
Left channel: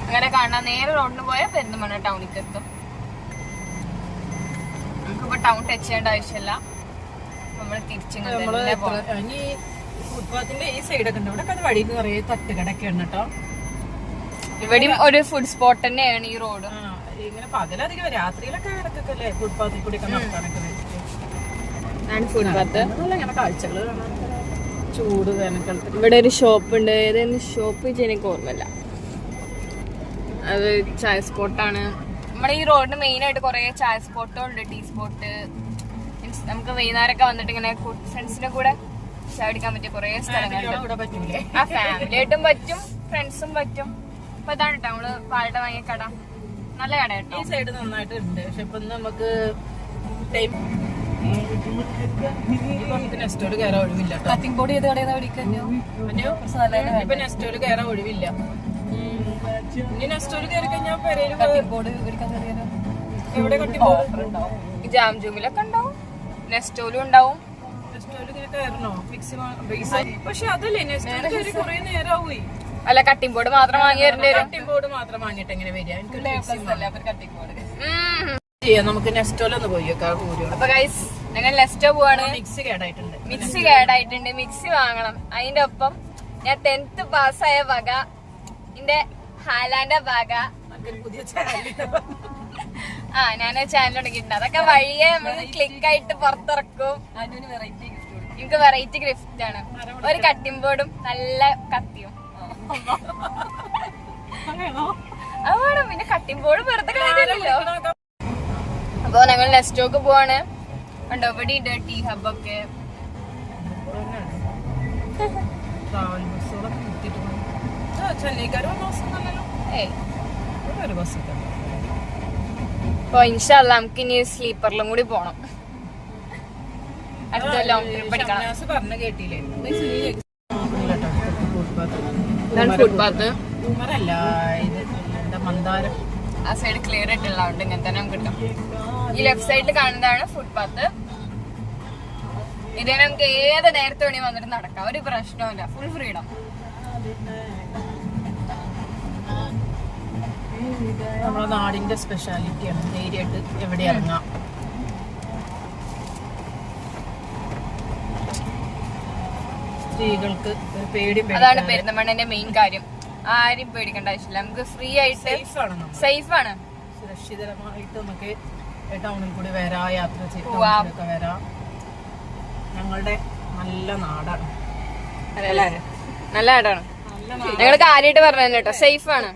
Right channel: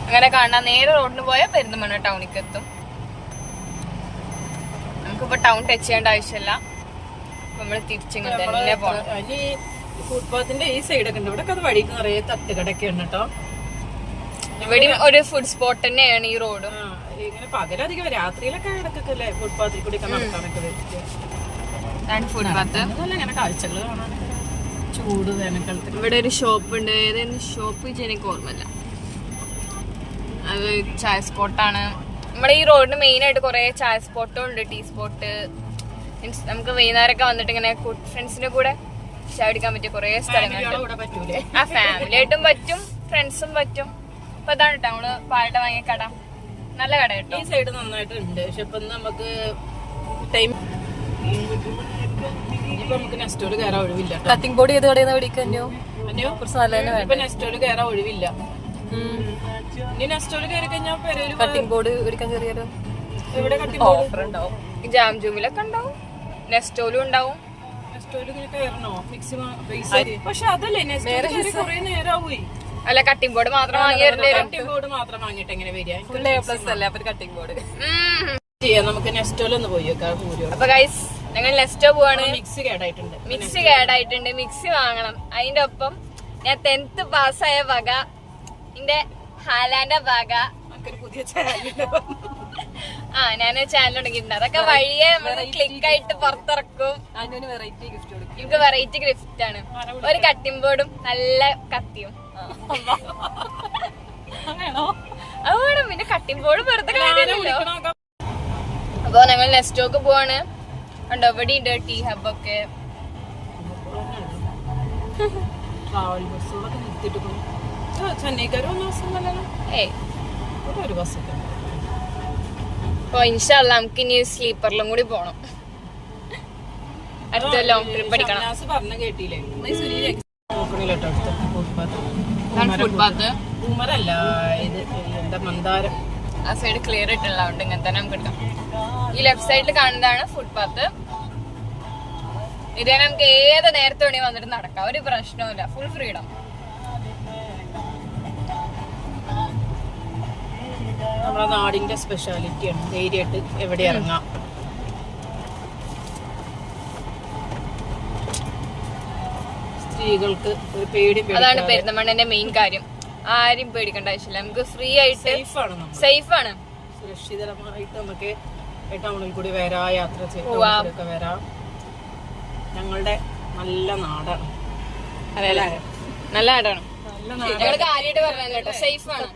അങ്ങനെ കാണാൻ നേരെ റോഡിന് പോയാൽ പെരിന്തൽമണ്ണ ടൗണിക്ക് എത്തും. നമുക്കിപ്പോ ടൗൺ ടച്ച് ചെയ്യേണ്ട ആവശ്യമില്ല. നമ്മള് തിരിച്ചിങ്ങനെ തന്നെ പോകണം. ഫുട്പാത്തിന്റെ ഈ സൈഡൊക്കെ ഉണ്ട്. ഇവിടെ വഴിക്ക് നിറയെ തട്ടുകടൊക്കെ ഉണ്ട് കേട്ടോ. ഇവിടെയും ഒരു ഫുഡ് സ്പോട്ട് തന്നെയാണ് ഈ റോഡ്. ഇങ്ങനെ പകലധികം രാത്രിയിലൊക്കെ ഇടക്കല്ലേ ഫുട്പാത്തിൽ കൂടി നടക്കാനൊക്കെ. ഫുട്പാത്ത് ഇങ്ങനെ കാഴ്ചകൾ കാണാൻ. ചൂട് വേനൽക്കാലത്ത് ഇവിടെ ഒരു ഷോപ്പ് ഉണ്ട്. ഏതായാലും ഷോപ്പ് എനിക്ക് ഓർമ്മയില്ല. അത് ചായ സ്പോട്ടാണ്. നമ്മുടെ ഈ റോഡിന് മെയിൻ ആയിട്ട് കുറെ ചായ സ്പോട്ടും ഉണ്ട്. Tea spot. മീൻസ് നമുക്ക് വൈകുന്നേരമൊക്കെ വന്നിട്ട് ഇങ്ങനെ ഫ്രണ്ട്സിന്റെ കൂടെ ചായ കുടിക്കാൻ പറ്റിയ കുറെ സ്ഥലങ്ങളുണ്ട്. ആ ഫാമിലി ആയിട്ടും പറ്റും, ഫ്രണ്ട്സും പറ്റും. അപ്പൊ അതാണ് കേട്ടോ നമ്മള് പാലട വാങ്ങിയ കട. നല്ല കട കേട്ടോ. ഈ സൈഡ് നന്നായിട്ട് ഉണ്ട്. പക്ഷെ ഇപ്പൊ നമുക്ക് ടൈം നെസ്റ്റോട് കയറാൻ ഒഴിവില്ല. കട്ടിംഗ് ബോർഡ് ചെയ്ത് കടയിൽ പഠിക്കോ? ഇപ്പൊ നെസ്റ്റോട് കയറാൻ ഒഴിവില്ല. ഇനി നെസ്റ്റോട് കയറി കഴിഞ്ഞാൽ കട്ടിംഗ് ബോർഡ് എടുക്കാൻ കയറിയാലോ? ഇവിടെ കട്ടിംഗ് ബോർഡ് ഉണ്ടാവും. ജാം ജൂമിലൊക്കെ ഉണ്ടാവും. നെസ്റ്റോലും ഉണ്ടാവും. പക്ഷെ അതല്ലേ കുറെ നേരമാവേ. അല്ല കട്ടിംഗ് ബോർഡ് മാത്രം വാങ്ങിയായിരുന്നു. കട്ടിംഗ് ബോർഡ് മാത്രം വാങ്ങിട്ട് എങ്ങനെ വരിക? കട്ടിംഗ് ബോർഡ് നമുക്ക് നെസ്റ്റോലൊന്ന് പോയി വെക്കാം. അപ്പൊ ഗൈസ് ഞങ്ങൾ നെസ്റ്റോ പോവാണ്. മിക്സി കേടായിട്ടുണ്ട്. മിക്സി വാങ്ങണം. അതിന്റെ ഒപ്പം ഞാൻ 10th പാസ്സായ വക എന്റെ ഹാലാന്റെ വക പുതിയ ഞാൻ ചാനൽ തുടങ്ങിയിട്ടുണ്ട്. അതൊക്കെ വഴിയെ നമുക്ക് ക്ലിക്ക് ആയിട്ട് പുറത്തിറക്കും. എനിക്ക് വെറൈറ്റി ഗിഫ്റ്റ് ആണ്. ഒരു കട്ടിംഗ് ബോർഡും നല്ല കത്തിയും. അത് വേണം. പിന്നെ കട്ടിംഗ് ബോർഡ് വെറുതെ കാര്യമില്ലല്ലോ. അപ്പൊ ഞങ്ങൾ നെസ്റ്റോക്ക് പോവാണ്. ഉണ്ടോ ഇവിടെ ഉണ്ട് ടീ ഹബൊക്കെ. അപ്പൊ ഇൻഷാല്ലാ നമുക്ക് ഇനി സ്ലീപ്പറിലും കൂടി പോണം. അടുത്ത ലോങ് ട്രിപ്പ് അടിക്കണം. ഫുട്പാത്ത് ആ സൈഡ് ക്ലിയർ ആയിട്ടുള്ളതുകൊണ്ട് ഇങ്ങനെ തന്നെ നമുക്ക് എടുക്കാം. ഈ ലെഫ്റ്റ് സൈഡിൽ കാണുന്നതാണ് ഫുട്പാത്ത്. ഇതേ നമുക്ക് ഏത് നേരത്തെ വേണേ വന്നിട്ട് നടക്കാം. ഒരു പ്രശ്നവുമില്ല. Full freedom. നമ്മുടെ നാടിന്റെ സ്പെഷ്യാലിറ്റിയാണ്. ധൈര്യമായിട്ട് എവിടെ ഇറങ്ങാം. സ്ത്രീകൾക്ക് ഒരു പേടി. അതാണ് പെരിന്തൽമണ്ണന്റെ മെയിൻ കാര്യം. ആരും പേടിക്കേണ്ട ആവശ്യമില്ല. നമുക്ക് ഫ്രീ ആയിട്ട് സേഫ് ആണ്. സുരക്ഷിതമായിട്ട് നമുക്ക് ടൗണിൽ കൂടി വരാം, യാത്ര ചെയ്തൊക്കെ വരാം. ഞങ്ങളുടെ നല്ല നാടാണ്. അതെല്ലേ, നല്ല നാടാണ്. ഞങ്ങള് കാര്യമായിട്ട് പറഞ്ഞു കേട്ടോ, സേഫ് ആണ്.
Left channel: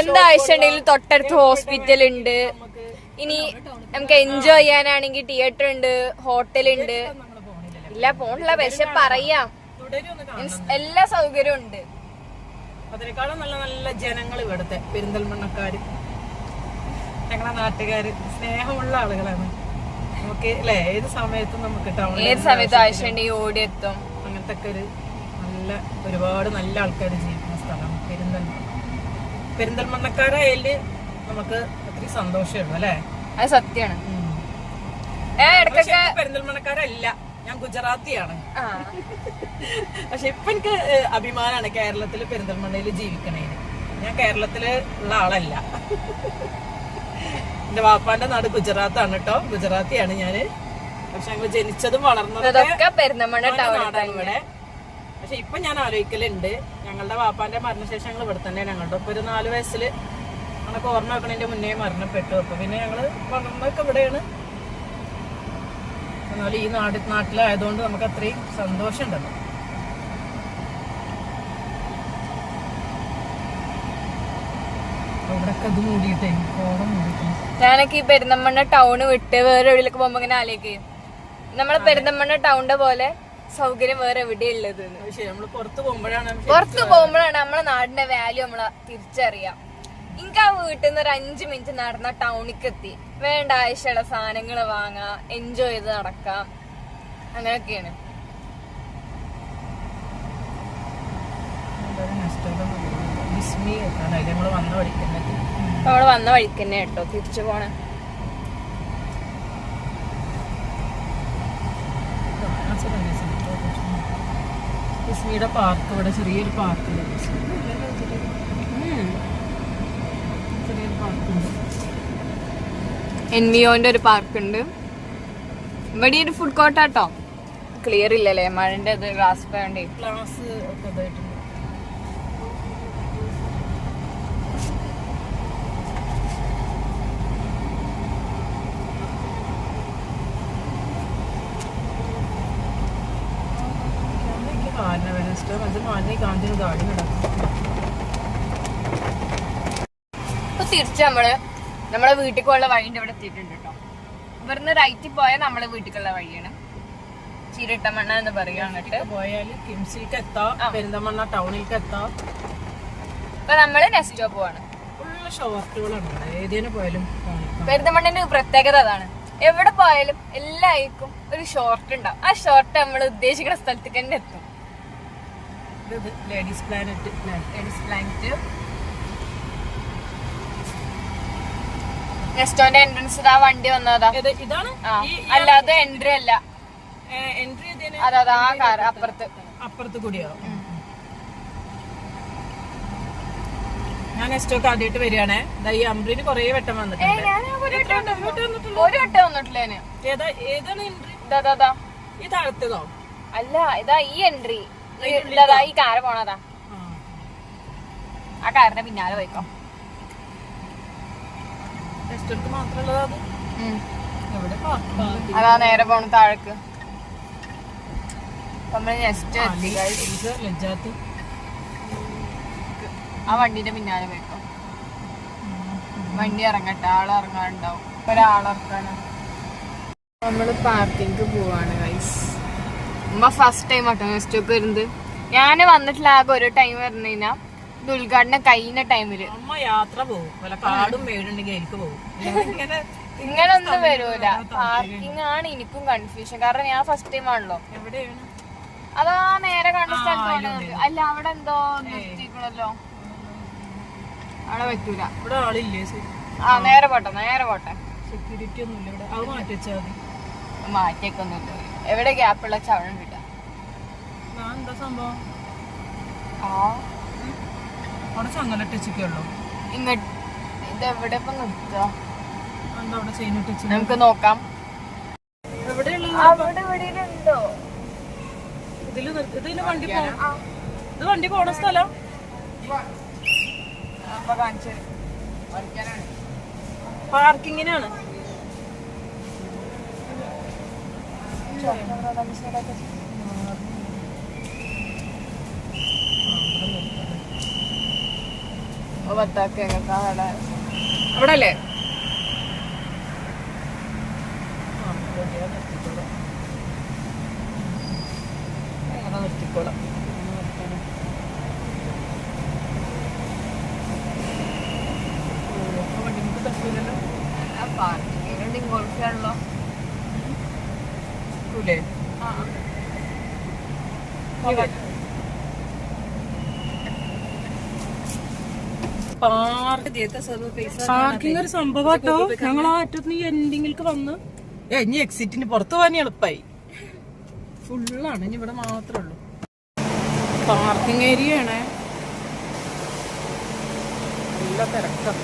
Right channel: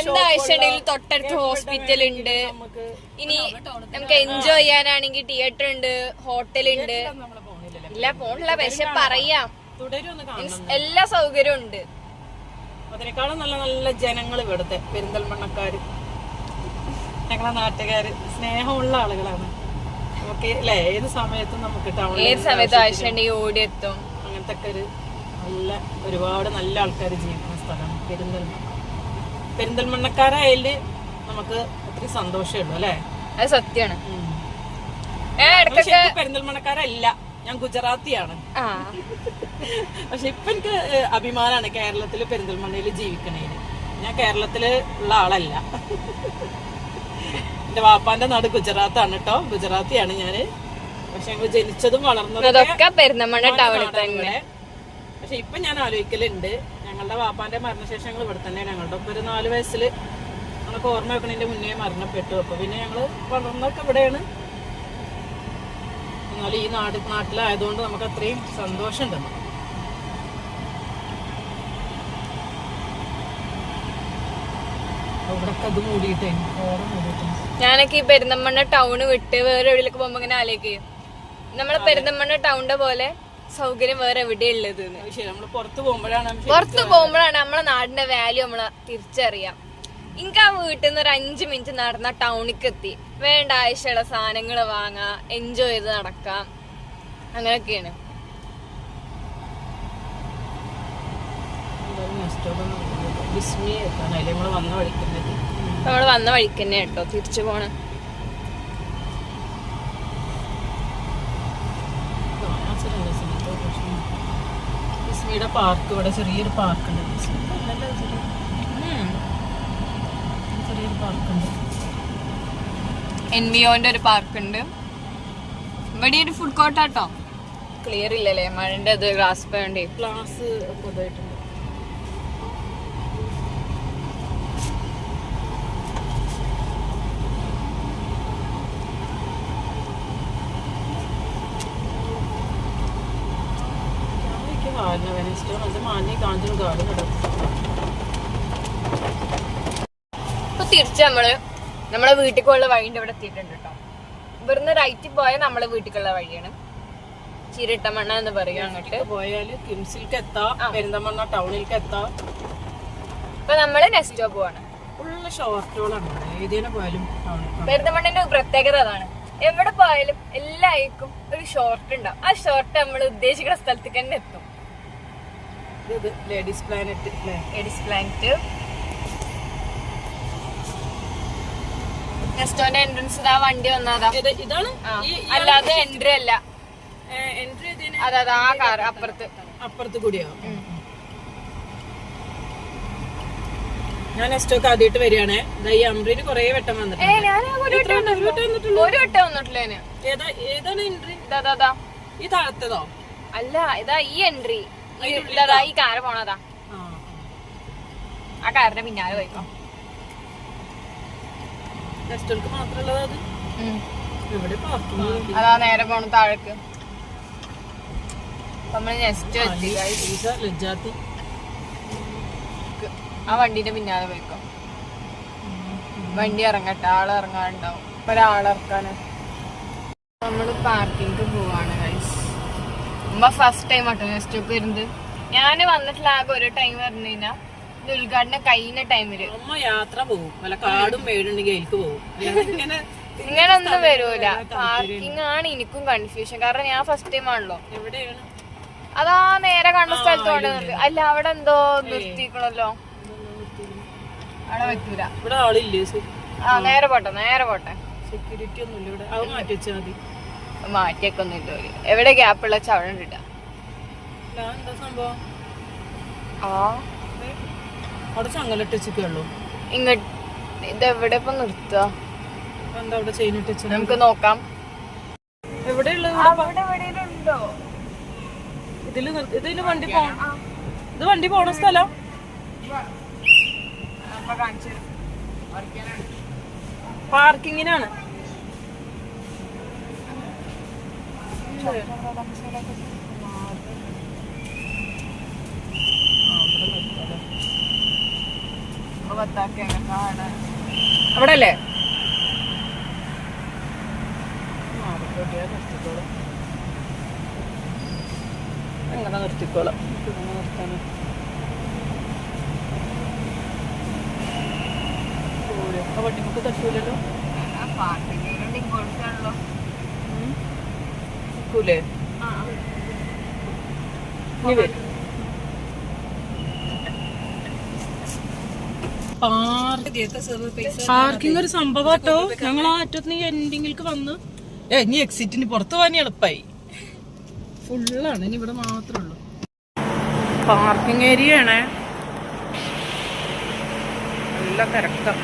എന്താവശ്യമുണ്ടെങ്കിലും തൊട്ടടുത്ത് ഹോസ്പിറ്റൽ ഉണ്ട്. ഇനി നമുക്ക് എൻജോയ് ചെയ്യാനാണെങ്കിൽ തിയേറ്റർ ഉണ്ട്, ഹോട്ടൽ ഉണ്ട്. ഇല്ല പോണില്ല, പക്ഷെ പറയാം എല്ലാ സൗകര്യവും ഉണ്ട്. അതിനേക്കാളും നല്ല നല്ല ജനങ്ങൾ ഇവിടുത്തെ പെരിന്തൽമണ്ണക്കാര്, ഞങ്ങളെ നാട്ടുകാര് സ്നേഹമുള്ള ആളുകളാണ്. നമുക്ക് അല്ലെ ഏത് സമയത്തും നമുക്ക് ഏത് സമയത്ത് ആവശ്യമുണ്ടെങ്കിൽ ഓടിയെത്തും. അങ്ങനത്തെ ഒക്കെ ഒരു നല്ല ഒരുപാട് നല്ല ആൾക്കാർ ജീവിക്കുന്ന സ്ഥലമാണ് പെരിന്തൽമണ്ണക്കാരായാല് നമുക്ക് ഒത്തിരി സന്തോഷമുള്ളു അല്ലെ. അത് സത്യമാണ്. പെരിന്തൽമണ്ണക്കാരല്ല, ഞാൻ ഗുജറാത്തിയാണ്. പക്ഷെ ഇപ്പൊ എനിക്ക് അഭിമാനാണ് കേരളത്തില് പെരിന്തൽമണ്ണയിൽ ജീവിക്കണേ. ഞാൻ കേരളത്തില് ഉള്ള ആളല്ല. എന്റെ വാപ്പാന്റെ നാട് ഗുജറാത്താണ് കേട്ടോ, ഗുജറാത്തിയാണ് ഞാന്. പക്ഷെ ഞങ്ങൾ ജനിച്ചതും വളർന്നതൊക്കെ പെരിന്തൽമണ്ണ ഇവിടെ. പക്ഷെ ഇപ്പൊ ഞാൻ ആലോചിക്കലുണ്ട്, ഞങ്ങളുടെ വാപ്പാന്റെ മരണശേഷം ഞങ്ങൾ ഇവിടെ തന്നെ. ഞങ്ങളുടെ ഇപ്പൊ ഒരു 4 വയസ്സില് നമുക്ക് ഓർമ്മ വെക്കണതിന്റെ മുന്നേ മരണപ്പെട്ടു. അപ്പൊ പിന്നെ ഞങ്ങള് വളർന്നൊക്കെ ഇവിടെയാണ്. എന്നാലും ഈ നാട്ടിലായതുകൊണ്ട് നമുക്ക് അത്രയും സന്തോഷം ഉണ്ടല്ലോ. ഇവിടൊക്കെ ഇത് മൂടിയിട്ടേ ഓടം മൂടിയിട്ടേ. ഞാനൊക്കെ ഈ പെരിന്തൽമണ്ണ ടൗണ് വിട്ട് വേറെ എവിടെയൊക്കെ പോകുമ്പോ ഇങ്ങനെ ആലോചിക്കും, നമ്മളെ പെരിന്തൽമണ്ണ ടൗണിന്റെ പോലെ സൗകര്യം വേറെ എവിടെയുള്ളത്. പുറത്ത് പോകുമ്പോഴാണ് നമ്മളെ നാടിന്റെ വാല്യൂ നമ്മള് തിരിച്ചറിയാം. എനിക്ക് ആ വീട്ടിൽ നിന്ന് ഒരു 5 മിനിറ്റ് നടന്ന ടൗണിക്ക് എത്തി, വേണ്ട ആവശ്യമുള്ള സാധനങ്ങൾ വാങ്ങാം, എൻജോയ് ചെയ്ത് നടക്കാം, അങ്ങനെയൊക്കെയാണ്. നമ്മള് വന്ന വഴിക്ക് തന്നെ കേട്ടോ തിരിച്ചു പോണ. ഡിസ്നിയുടെ പാർക്ക്, ഇവിടെ ചെറിയൊരു പാർക്കുണ്ട്. എൻവിയോന്റെ ഒരു പാർക്ക് ഉണ്ട്. ഇവിടെ ഒരു ഫുഡ് കോർട്ടാട്ടോ. ക്ലിയർ ഇല്ലല്ലേ മഴന്റെ അത് ഗ്ലാസ് വേണ്ടേ. ഗ്ലാസ് ഒക്കെ ഇതായിട്ടുണ്ട്. ഇപ്പൊ തിരിച്ച് നമ്മളെ വീട്ടിലേക്കുള്ള വഴിന്റെ ഇവിടെ എത്തിയിട്ടുണ്ട് കേട്ടോ. ഇവിടുന്ന് റൈറ്റിൽ പോയാൽ നമ്മളെ വീട്ടിലേക്കുള്ള വഴിയാണ്. ചിരട്ടമണ്ണ എന്ന് പറയും. അങ്ങോട്ട് പോയാല് കിംസിലേക്ക് എത്താം, പെരിന്തൽമണ്ണ ടൗണിലേക്ക് എത്താം. ഇപ്പൊ നമ്മള് നെക്സ്റ്റ് സ്റ്റോപ്പ് പോവാണ്. പെരിന്തൽമണ്ണിന്റെ പ്രത്യേകത അതാണ്, എവിടെ പോയാലും എല്ലാവർക്കും ഒരു ഷോർട്ട് ഉണ്ടാവും. ആ ഷോർട്ട് നമ്മൾ ഉദ്ദേശിക്കുന്ന സ്ഥലത്തേക്ക് തന്നെ എത്തും. Ladies planet. നെസ്റ്റോന്റെ എൻട്രൻസ് ആ വണ്ടി വന്നതാ. ഇതാണ് അല്ലാതെ എൻട്രി അല്ല. എൻട്രി അതാ ആ കാർ അപ്പുറത്ത് കൂടിയോ? ഞാൻ നെസ്റ്റോക്ക് ആദ്യമായിട്ട് വരികയാണേ. ഈ അമ്പ്രീന് കൊറേ വട്ടം വന്നിട്ടുണ്ട്. ഒരു വട്ടം വന്നിട്ടില്ല. ഏതാണ് എൻട്രി? ഈ താഴത്തതോ? അല്ല, ഇതാ ഈ എൻട്രി. ഇതാ ഈ കാറ് പോണതാ. ആ കാറിന്റെ പിന്നാലെ പോയിക്കോ. അതാ നേരെ പോണ താഴേക്ക്. നമ്മള് നെക്സ്റ്റ് ആ വണ്ടീന്റെ പിന്നാലെ പോയിക്കോ. വണ്ടി ഇറങ്ങട്ടെ, ആള് ഇറങ്ങാനുണ്ടാവും. ഒരാളിറക്കാന് നമ്മള് പാർക്കിംഗ് പോവാണ് ഗൈസ്. ഉമ്മ ഫസ്റ്റ് ടൈം ആട്ടോ നെക്സ്റ്റ് ഒക്കെ വരുന്നത്. ഞാന് വന്നിട്ടില്ല, ആകെ ഒരു ടൈം വരുന്നതിനാ ഇത് ഉദ്ഘാടനം കഴിഞ്ഞ ടൈമില്. യാത്ര പോകും, കാടും മേടുണ്ടെങ്കിൽ പോകും. ഇങ്ങനെ ഒന്നും വരൂല. പാർക്കിംഗ് ആണ് എനിക്കും കൺഫ്യൂഷൻ, കാരണം ഞാൻ ഫസ്റ്റ് ടൈം ആണല്ലോ. അതാ നേരെ കണ്ട സ്ഥലത്ത് കൊണ്ടുവന്നിട്ട്. അല്ല, അവിടെ എന്തോ നിർത്തിക്കണല്ലോ, അവിടെ പറ്റൂല. നേരെ പോട്ടെ. സെക്യൂരിറ്റി ഒന്നും ഇവിടെ, അത് മാറ്റി വെച്ചാൽ മതി. മാറ്റിയൊക്കെ ഒന്നുമില്ല. എവിടെ ഗ്യാപ്പുള്ള ചവട ഇട്ടാ എന്താ സംഭവം? അവിടെ ചങ്ങലിട്ടുള്ളൂ. ഇങ്ങോട്ട് ഇത് എവിടെ ഇപ്പൊ നിർത്തുക? എന്താ അവിടെ ചെയിൻ ഇട്ടിച്ച് നമുക്ക് നോക്കാം. എവിടെയുണ്ടോ ഇതില് വണ്ടി ഇത് വണ്ടി പോണ സ്ഥലം. പാർക്കിങ്ങിനാണ്. അവിടെ അല്ലേ? അങ്ങനെ നിർത്തിക്കോളാം. വണ്ടിക്ക് തട്ടൂലല്ലോ. പാർക്കിംഗ് ഒരു സംഭവട്ടോ. ഞങ്ങൾ ആ അറ്റത്ത് എൻഡിങ്ങിലേക്ക് വന്ന് ഇനി എക്സിറ്റിന് പുറത്തു പോകാൻ എളുപ്പമായി. ഫുള്ളാണ്. ഇനി ഇവിടെ മാത്രമേ ഉള്ളൂ. പാർക്കിംഗ് ഏരിയ ആണ്. നല്ല തിരക്കം.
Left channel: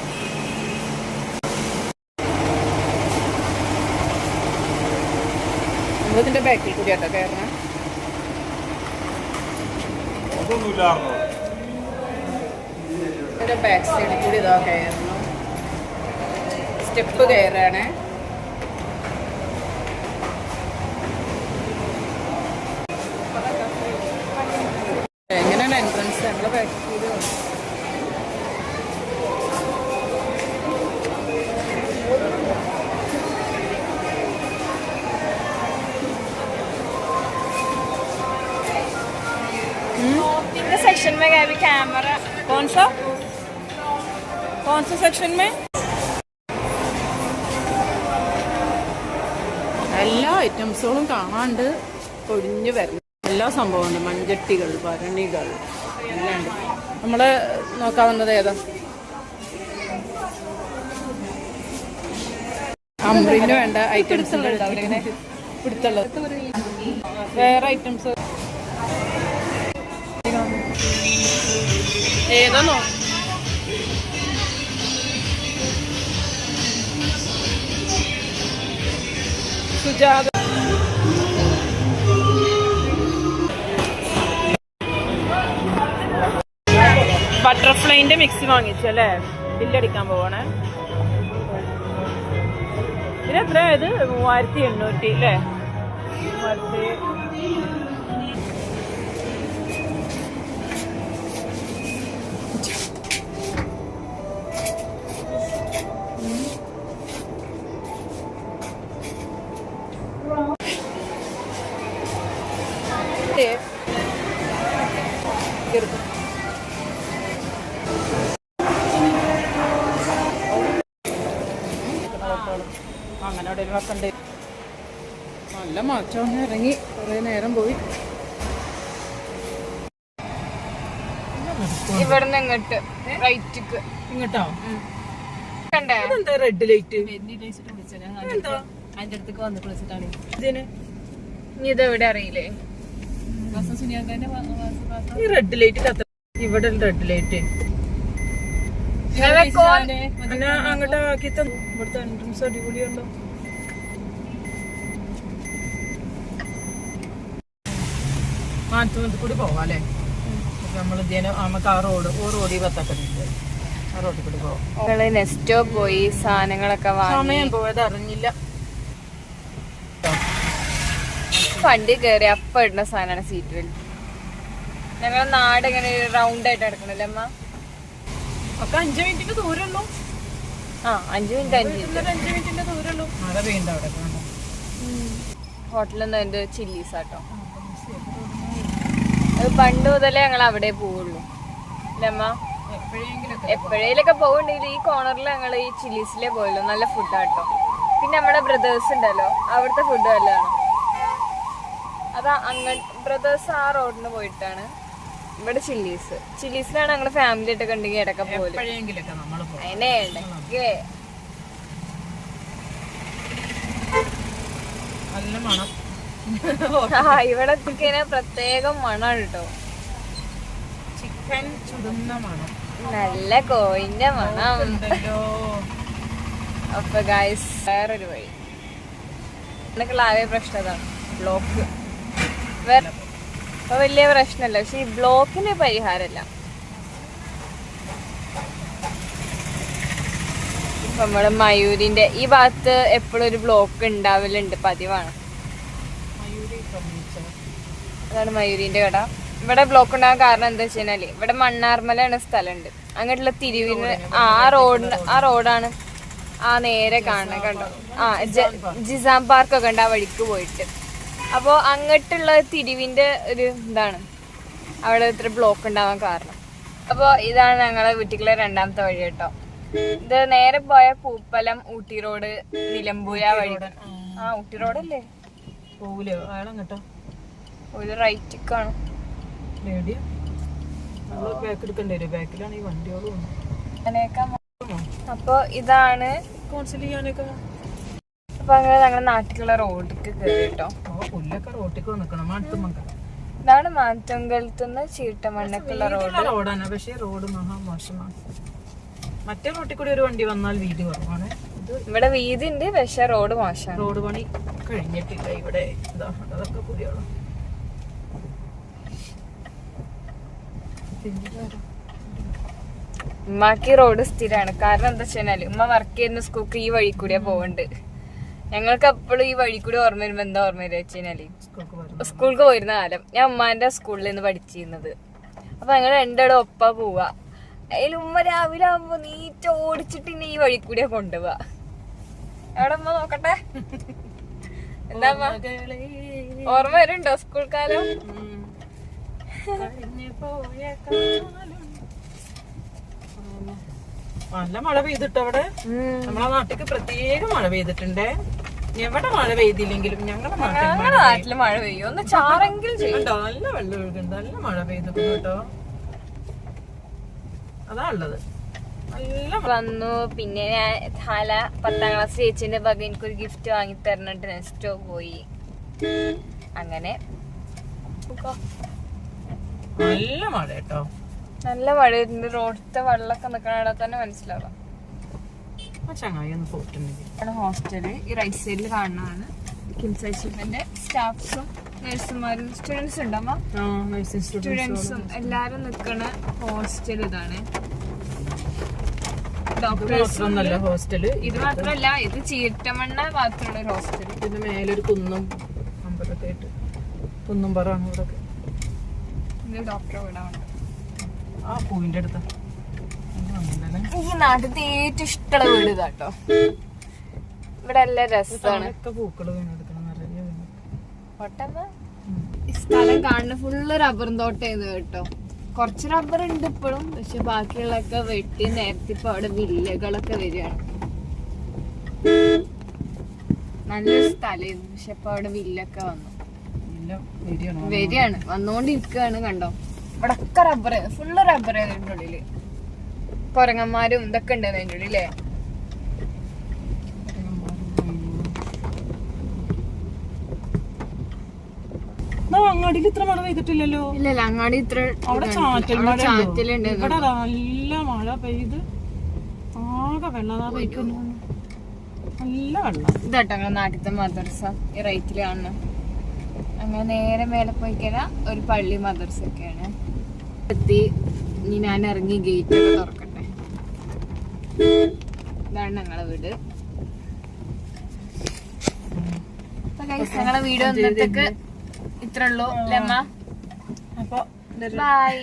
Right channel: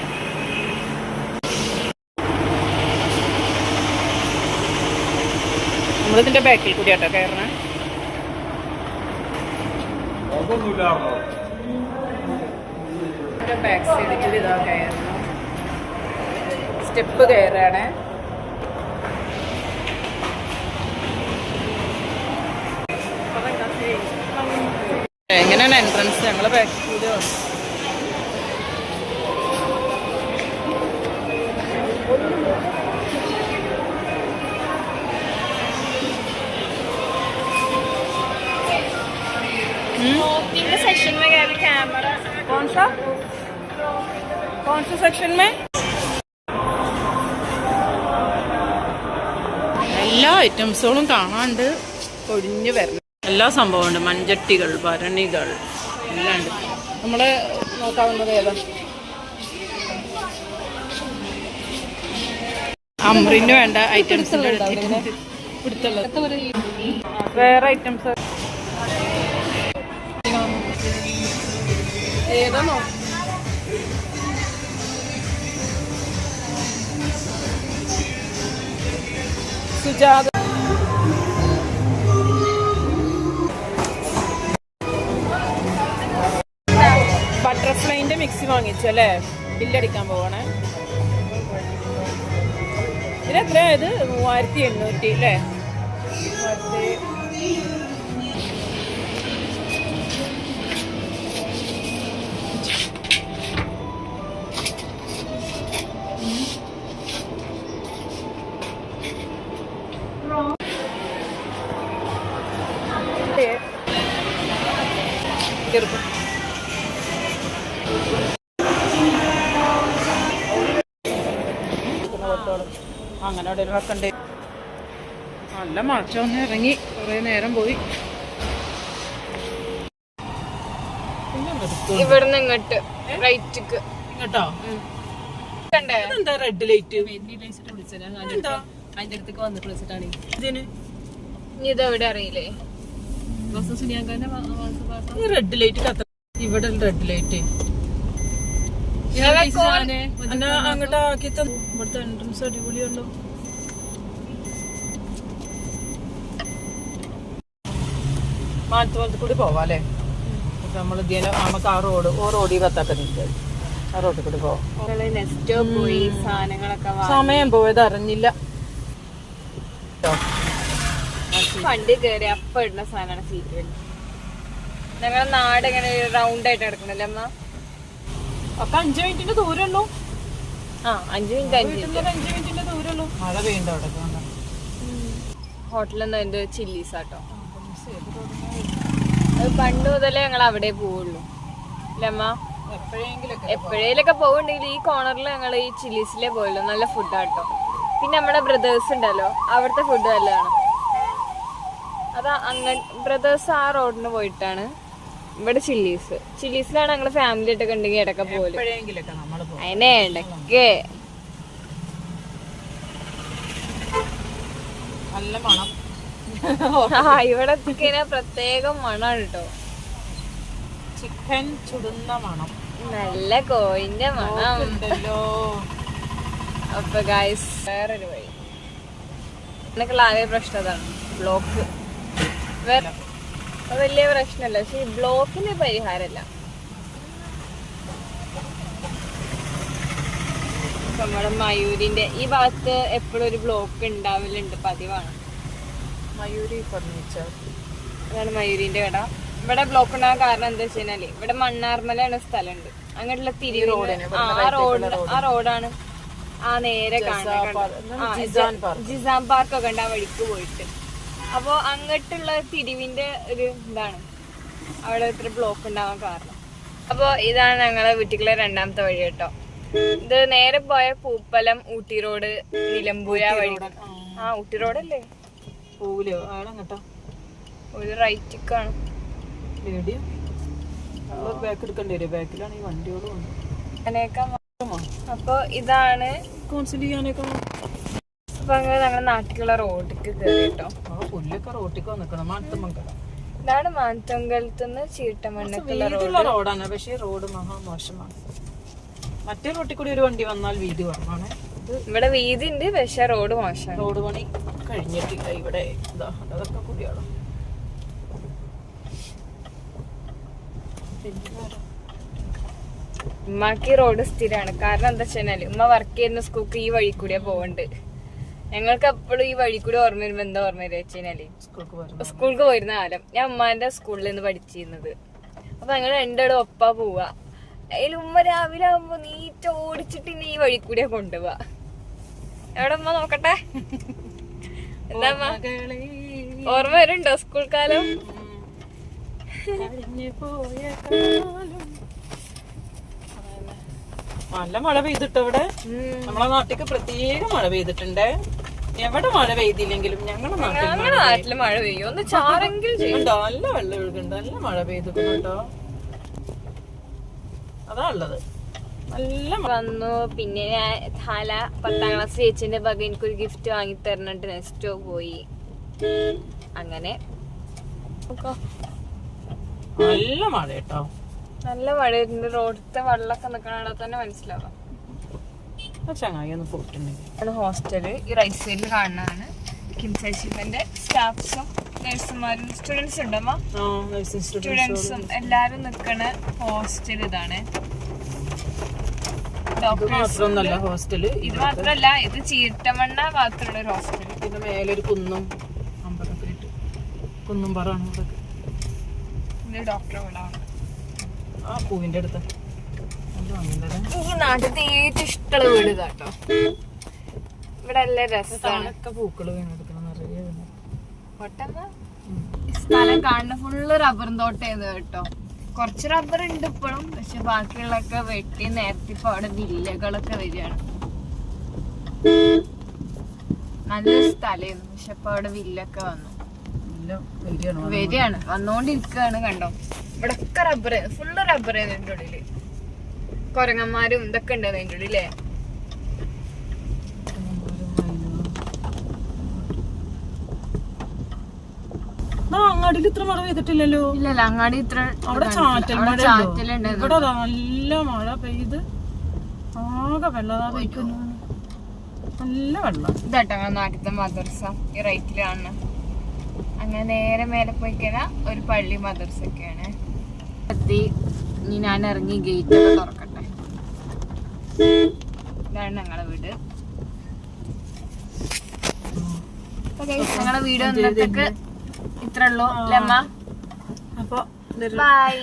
നമ്മളിതിന്റെ ബാക്കിൽ കൂടി ആട്ടോ കയറണേ. ബാക്ക് സൈഡിൽ ഇതാ കയറണം. സ്റ്റെപ്പ് കയറാണ്. എങ്ങനെയാണ് എൻട്രൻസ്? ഞങ്ങളെ ബാക്കിൽ കൂടി വന്നു. सेक्शन में गए कैमरा कौन सा सेक्शन में? എല്ലാ ഐറ്റംസുകളും കാണാണ്ട് കൊടിഞ്ഞു വരണം. എല്ലാ സംഭവമുണ്ട്. മൺചട്ടികൾ, ഭരണികൾ എല്ലാം ഉണ്ട്. നമ്മള് നോക്കാവുന്നത് ഏതാ? അമ്രിന് വേണ്ട ഐറ്റംസ് പിടുത്തുള്ളത്. വേറെ ഐറ്റംസ് ഏതാണോ? സുജാത ബട്ടർഫ്ലൈന്റെ മിക്സി വാങ്ങിച്ചു അല്ലേ? ബില്ലടിക്കാൻ പോവാണേ. ഇതിനെത്ര ആയത്? 3800 അല്ലേ? 3000. അങ്ങനെ അവിടെ വെക്കണ്ടേ. നല്ല മഴ ഒന്ന് ഇറങ്ങി കുറെ നേരം പോയി. ഇവിടുന്ന് ഇങ്ങോട്ട് റൈറ്റിക്ക് ഇങ്ങോട്ടോ? എന്താ റെഡ് ലൈറ്റ്? അതിന്റെ അടുത്തേക്ക് വന്നിട്ട് വിളിച്ചിട്ടാണ് ഇതിന്. ഇനി ഇതെവിടെ അറിയില്ലേ? ഈ റെഡ് ലൈറ്റ് കത്ത. ഇവിടെ റെഡ് ലൈറ്റ് അങ്ങോട്ട് ആക്കി തന്നു. ഇവിടുത്തെ എൻട്രൻസ് അടിപൊളിയല്ലോ. മാനത്തുപോലത്തെ കൂടി പോവാം അല്ലേ? നമ്മൾ നമുക്ക് ആ റോഡിൽ കത്താക്കുന്നില്ല. ആ റോഡിൽ കൂടി പോവാം. നെസ്റ്റോ പോയി സാധനങ്ങളൊക്കെ സമയം പോയത് അറിഞ്ഞില്ല. വണ്ടി കയറി അപ്പ ഇടുന്ന സാധനമാണ് സീറ്റ് ബെൽറ്റ്. ഞങ്ങളുടെ നാട് ഇങ്ങനെ റൗണ്ട് ആയിട്ട് കിടക്കണല്ലേ അമ്മ? 5 മിനിറ്റിന്റെ ദൂരമുള്ളൂ. ആ 5 മിനിറ്റ് 5 മിനിറ്റ്. 5 മിനിറ്റിന്റെ ദൂരമുള്ളൂ. മഴ പെയ്യുന്നുണ്ട് അവിടെ. ഹോട്ടലിൽ നിന്ന് എന്റെ ചില്ലീസ് ആട്ടോ. അത് പണ്ട് മുതലേ ഞങ്ങൾ അവിടെ പോവുള്ളൂ അല്ലേ അമ്മ? എപ്പോഴേലൊക്കെ പോവുണ്ടെങ്കിൽ ഈ കോർണറിൽ ഞങ്ങൾ ഈ ചില്ലീസിലേ പോയുള്ളൂ. നല്ല ഫുഡാട്ടോ. പിന്നെ നമ്മുടെ ബ്രദേഴ്സ് ഉണ്ടല്ലോ, അവിടുത്തെ ഫുഡ് നല്ലതാണ്. അതാ ബ്രദേഴ്സ് ആ റോഡിന് പോയിട്ടാണ്. ഇവിടെ ചില്ലീസിലാണ് ഞങ്ങള് ഫാമിലി ആയിട്ടൊക്കെ ഉണ്ടെങ്കിൽ ഇടയ്ക്ക് പോലും. അതിനെ ഇടയ്ക്ക് ഇവിടെ എത്തിക്കഴിഞ്ഞാൽ പ്രത്യേകം മണാണ് കേട്ടോ. ചിക്കൻ ചുടുന്ന മണം, നല്ല കോയിന്റെ മണം. അപ്പൊ ഗൈസ് വേറൊരു വഴി. എനിക്കുള്ള ആകെ പ്രശ്നം അതാണ്, ബ്ലോക്ക്. ഇപ്പൊ വലിയ പ്രശ്നമല്ല, പക്ഷെ ഈ ബ്ലോക്കിന് പരിഹാരമല്ല. നമ്മള് മയൂരിന്റെ ഈ ഭാഗത്ത് എപ്പോഴും ഒരു ബ്ലോക്ക് ഉണ്ടാവലുണ്ട്, പതിവാണ്. മയൂരി ഫർണിച്ചർ, അതാണ് മയൂരിന്റെ കട. ഇവിടെ ബ്ലോക്ക് ഉണ്ടാകാൻ കാരണം എന്താ വെച്ചാല് ഇവിടെ മണ്ണാർമലാണ് സ്ഥലമുണ്ട്. അങ്ങോട്ടുള്ള തിരിവിന് ആ റോഡാണ് ആ നേരെ കാണാൻ കണ്ടത്. ജിസാം പാർക്ക് ഒക്കെ ഉണ്ട് ആ വഴിക്ക് പോയിട്ട്. അപ്പൊ അങ്ങോട്ടുള്ള തിരിവിന്റെ ഒരു ഇതാണ് അവിടെ ഇത്ര ബ്ലോക്ക് ഉണ്ടാവാൻ കാരണം. അപ്പൊ ഇതാണ് ഞങ്ങളെ വീട്ടിലെ രണ്ടാമത്തെ വഴി കേട്ടോ. ഇത് നേരെ പോയ പൂപ്പലം, ഊട്ടി റോഡ്, നിലമ്പൂര വഴി. ആ ഊട്ടി റോഡല്ലേ, പോവില്ലയോ ആളും കേട്ടോ. ഒരു റൈറ്റിക്കാണ്. ബാക്കെടുക്കേണ്ടി വരും, ബാക്കിലാണ് ഈ വണ്ടികളും. അങ്ങനെയൊക്കെ. അപ്പൊ ഇതാണ് അപ്പൊ അങ്ങനെ ഞങ്ങളുടെ നാട്ടിലുള്ള റോഡിക്ക് കയറി കേട്ടോ. പുല്ലൊക്കെ റോട്ടിക്ക് വന്നിക്കണം. ഇതാണ് മാറ്റങ്കലത്തുനിന്ന് ചീട്ടമണ്ണക്കുള്ള റോഡാണ്, പക്ഷേ റോഡ് മഹാമോശമാണ്. മറ്റേ റോട്ടിൽ കൂടി ഒരു വണ്ടി വന്നാൽ വീതി കുറവാണ്. ഇവിടെ വീതി ഉണ്ട്, പക്ഷെ റോഡ് മോശമാണ്. റോഡ് പണി കഴിഞ്ഞിട്ടില്ല ഇവിടെ. അതൊക്കെ കൂടിയാണ്. ഉമ്മാക്ക് റോഡ് സ്ഥിരമാണ്. കാരണം എന്താ വെച്ചാല് ഉമ്മ വർക്ക് ചെയ്യുന്ന സ്കൂൾക്ക് ഈ വഴി കൂടിയാ പോകണ്ട്. ഞങ്ങൾക്ക് എപ്പോഴും ഈ വഴി കൂടി ഓർമ്മ വരുമ്പോ എന്താ ഓർമ്മ വരിക വെച്ചാല് സ്കൂൾക്ക് പോയിരുന്ന കാലം. ഞാൻ ഉമ്മാന്റെ സ്കൂളിൽ നിന്ന് പഠിച്ചിരുന്നത്. അപ്പൊ ഞങ്ങൾ രണ്ടാളും ഒപ്പാ പോവാ. അതിൽ ഉമ്മ രാവിലെ ആവുമ്പോ നീറ്റ ഓടിച്ചിട്ട് ഈ വഴി കൂടിയാ കൊണ്ടുപോവാ. എവിടെ ഉമ്മ നോക്കട്ടെ, എന്താ ഓർമ്മ വരുന്നുണ്ടോ സ്കൂൾ കാലം? നല്ല മഴ പെയ്തിട്ടോ അവിടെ. നമ്മളെ നാട്ടിക്ക് പ്രത്യേക മഴ പെയ്തിട്ടുണ്ടേ. എവിടെ മഴ പെയ്തില്ലെങ്കിലും ഞങ്ങളുടെ നാട്ടില് മഴ പെയ്യും, ഒന്ന് ചാറെങ്കിലും ചെയ്യണ്ടോ. നല്ല വെള്ളം ഒഴുകുന്നുണ്ട്, നല്ല മഴ പെയ്തിട്ടു കേട്ടോ. അതാ ഉള്ളത്. നല്ല വന്നു. പിന്നെ ഞാൻ 10ാം ക്ലാസ് ചേച്ചിന്റെ വക എനിക്കൊരു ഗിഫ്റ്റ് വാങ്ങി തരണുണ്ട്. നെക്സ്റ്റോ പോയി. അങ്ങനെ നല്ല മഴ കേട്ടോ, നല്ല മഴ. റോഡത്തെ വെള്ളമൊക്കെ നിക്കണ തന്നെ മനസ്സിലാവാം. ചങ്ങായി ഒന്ന് പോയിട്ടുണ്ടെങ്കിൽ ഹോസ്റ്റല് ഈ റൈറ്റ് സൈഡിൽ കാണുന്നതാണ്. കിംസൈഷിന്റെ സ്റ്റാഫ്സും നഴ്സുമാരും സ്റ്റുഡൻസ് ഉണ്ടമ്മ. സ്റ്റുഡൻസും എല്ലാരും നിക്കണ ഹോസ്റ്റൽ ഇതാണ്. ഹോസ്റ്റല് ഇത് മാത്രല്ല, ഇത് ചീട്ടമണ്ണ ഭാഗത്തുള്ള ഒരു ഹോസ്റ്റല്. ഇതിന്റെ മേലൊരു കുന്നും അമ്പലൊക്കെ ആയിട്ട് കുന്നും പറയാണ് ഇവിടെ. പിന്നെ ഡോക്ടറെ വീടാണ് ആ പൂവിന്റെ അടുത്ത്. ഈ നാട്ടിലത്തെ ഏറ്റവും ഇഷ്ടമുള്ള വീട് ഇതാട്ടോ. ഇവിടെ നല്ല രസമാണ്. പൂക്കള് വീണെടുക്കണം നിറയെ. ഈ സ്ഥലം കാണുന്ന ഫുള്ള് റബ്ബറും തോട്ടായിരുന്നു കേട്ടോ. കുറച്ച് റബ്ബർ ഉണ്ട് ഇപ്പോഴും, പക്ഷെ ബാക്കിയുള്ളൊക്കെ വെട്ടി നേരത്തെ ഇപ്പൊ അവിടെ വില്ലകളൊക്കെ വരികയാണ്. നല്ലൊരു സ്ഥലമായിരുന്നു, പക്ഷെ ഇപ്പൊ അവിടെ വില്ലൊക്കെ വന്നു വരികയാണ്, വന്നോണ്ടിരിക്കുകയാണ്. കണ്ടോ ഇവിടെ ഒക്കെ റബ്ബർ, ഫുള്ള് റബ്ബർ അതിന്റെ ഉള്ളില്. കൊരങ്ങന്മാരും ഇതൊക്കെ ഉണ്ട് അതിന്റെ ഉള്ളിലേ. അങ്ങാടിയിൽ ഇത്ര മഴ പെയ്തിട്ടില്ലല്ലോ. ഇല്ലല്ല, അങ്ങാടി ഇത്ര ചാറ്റലുണ്ട്. ഇവിടെ നല്ല മഴ പെയ്ത് ആകെ വെള്ളം കഴിക്കുന്നു. നല്ല വെള്ളം. ഇതാട്ടോ നാട്ടിലത്തെ മദർസ ഈ റൈറ്റില് കാണുന്ന. അങ്ങനെ നേരെ മേലെ പോയി കഴിഞ്ഞാൽ ഒരു പള്ളി മദർസ ഒക്കെയാണ്. എത്തി. ഇനി ഞാൻ ഇറങ്ങി ഗേറ്റ് ഒക്കെ തുറക്കട്ടെ. ഇതാണ് ഞങ്ങളെ വീട്. ഞങ്ങളെ വീഡിയോ ഇന്നത്തേക്ക് ഇത്ര ഉള്ളൂ അമ്മ. അപ്പൊ ബൈ.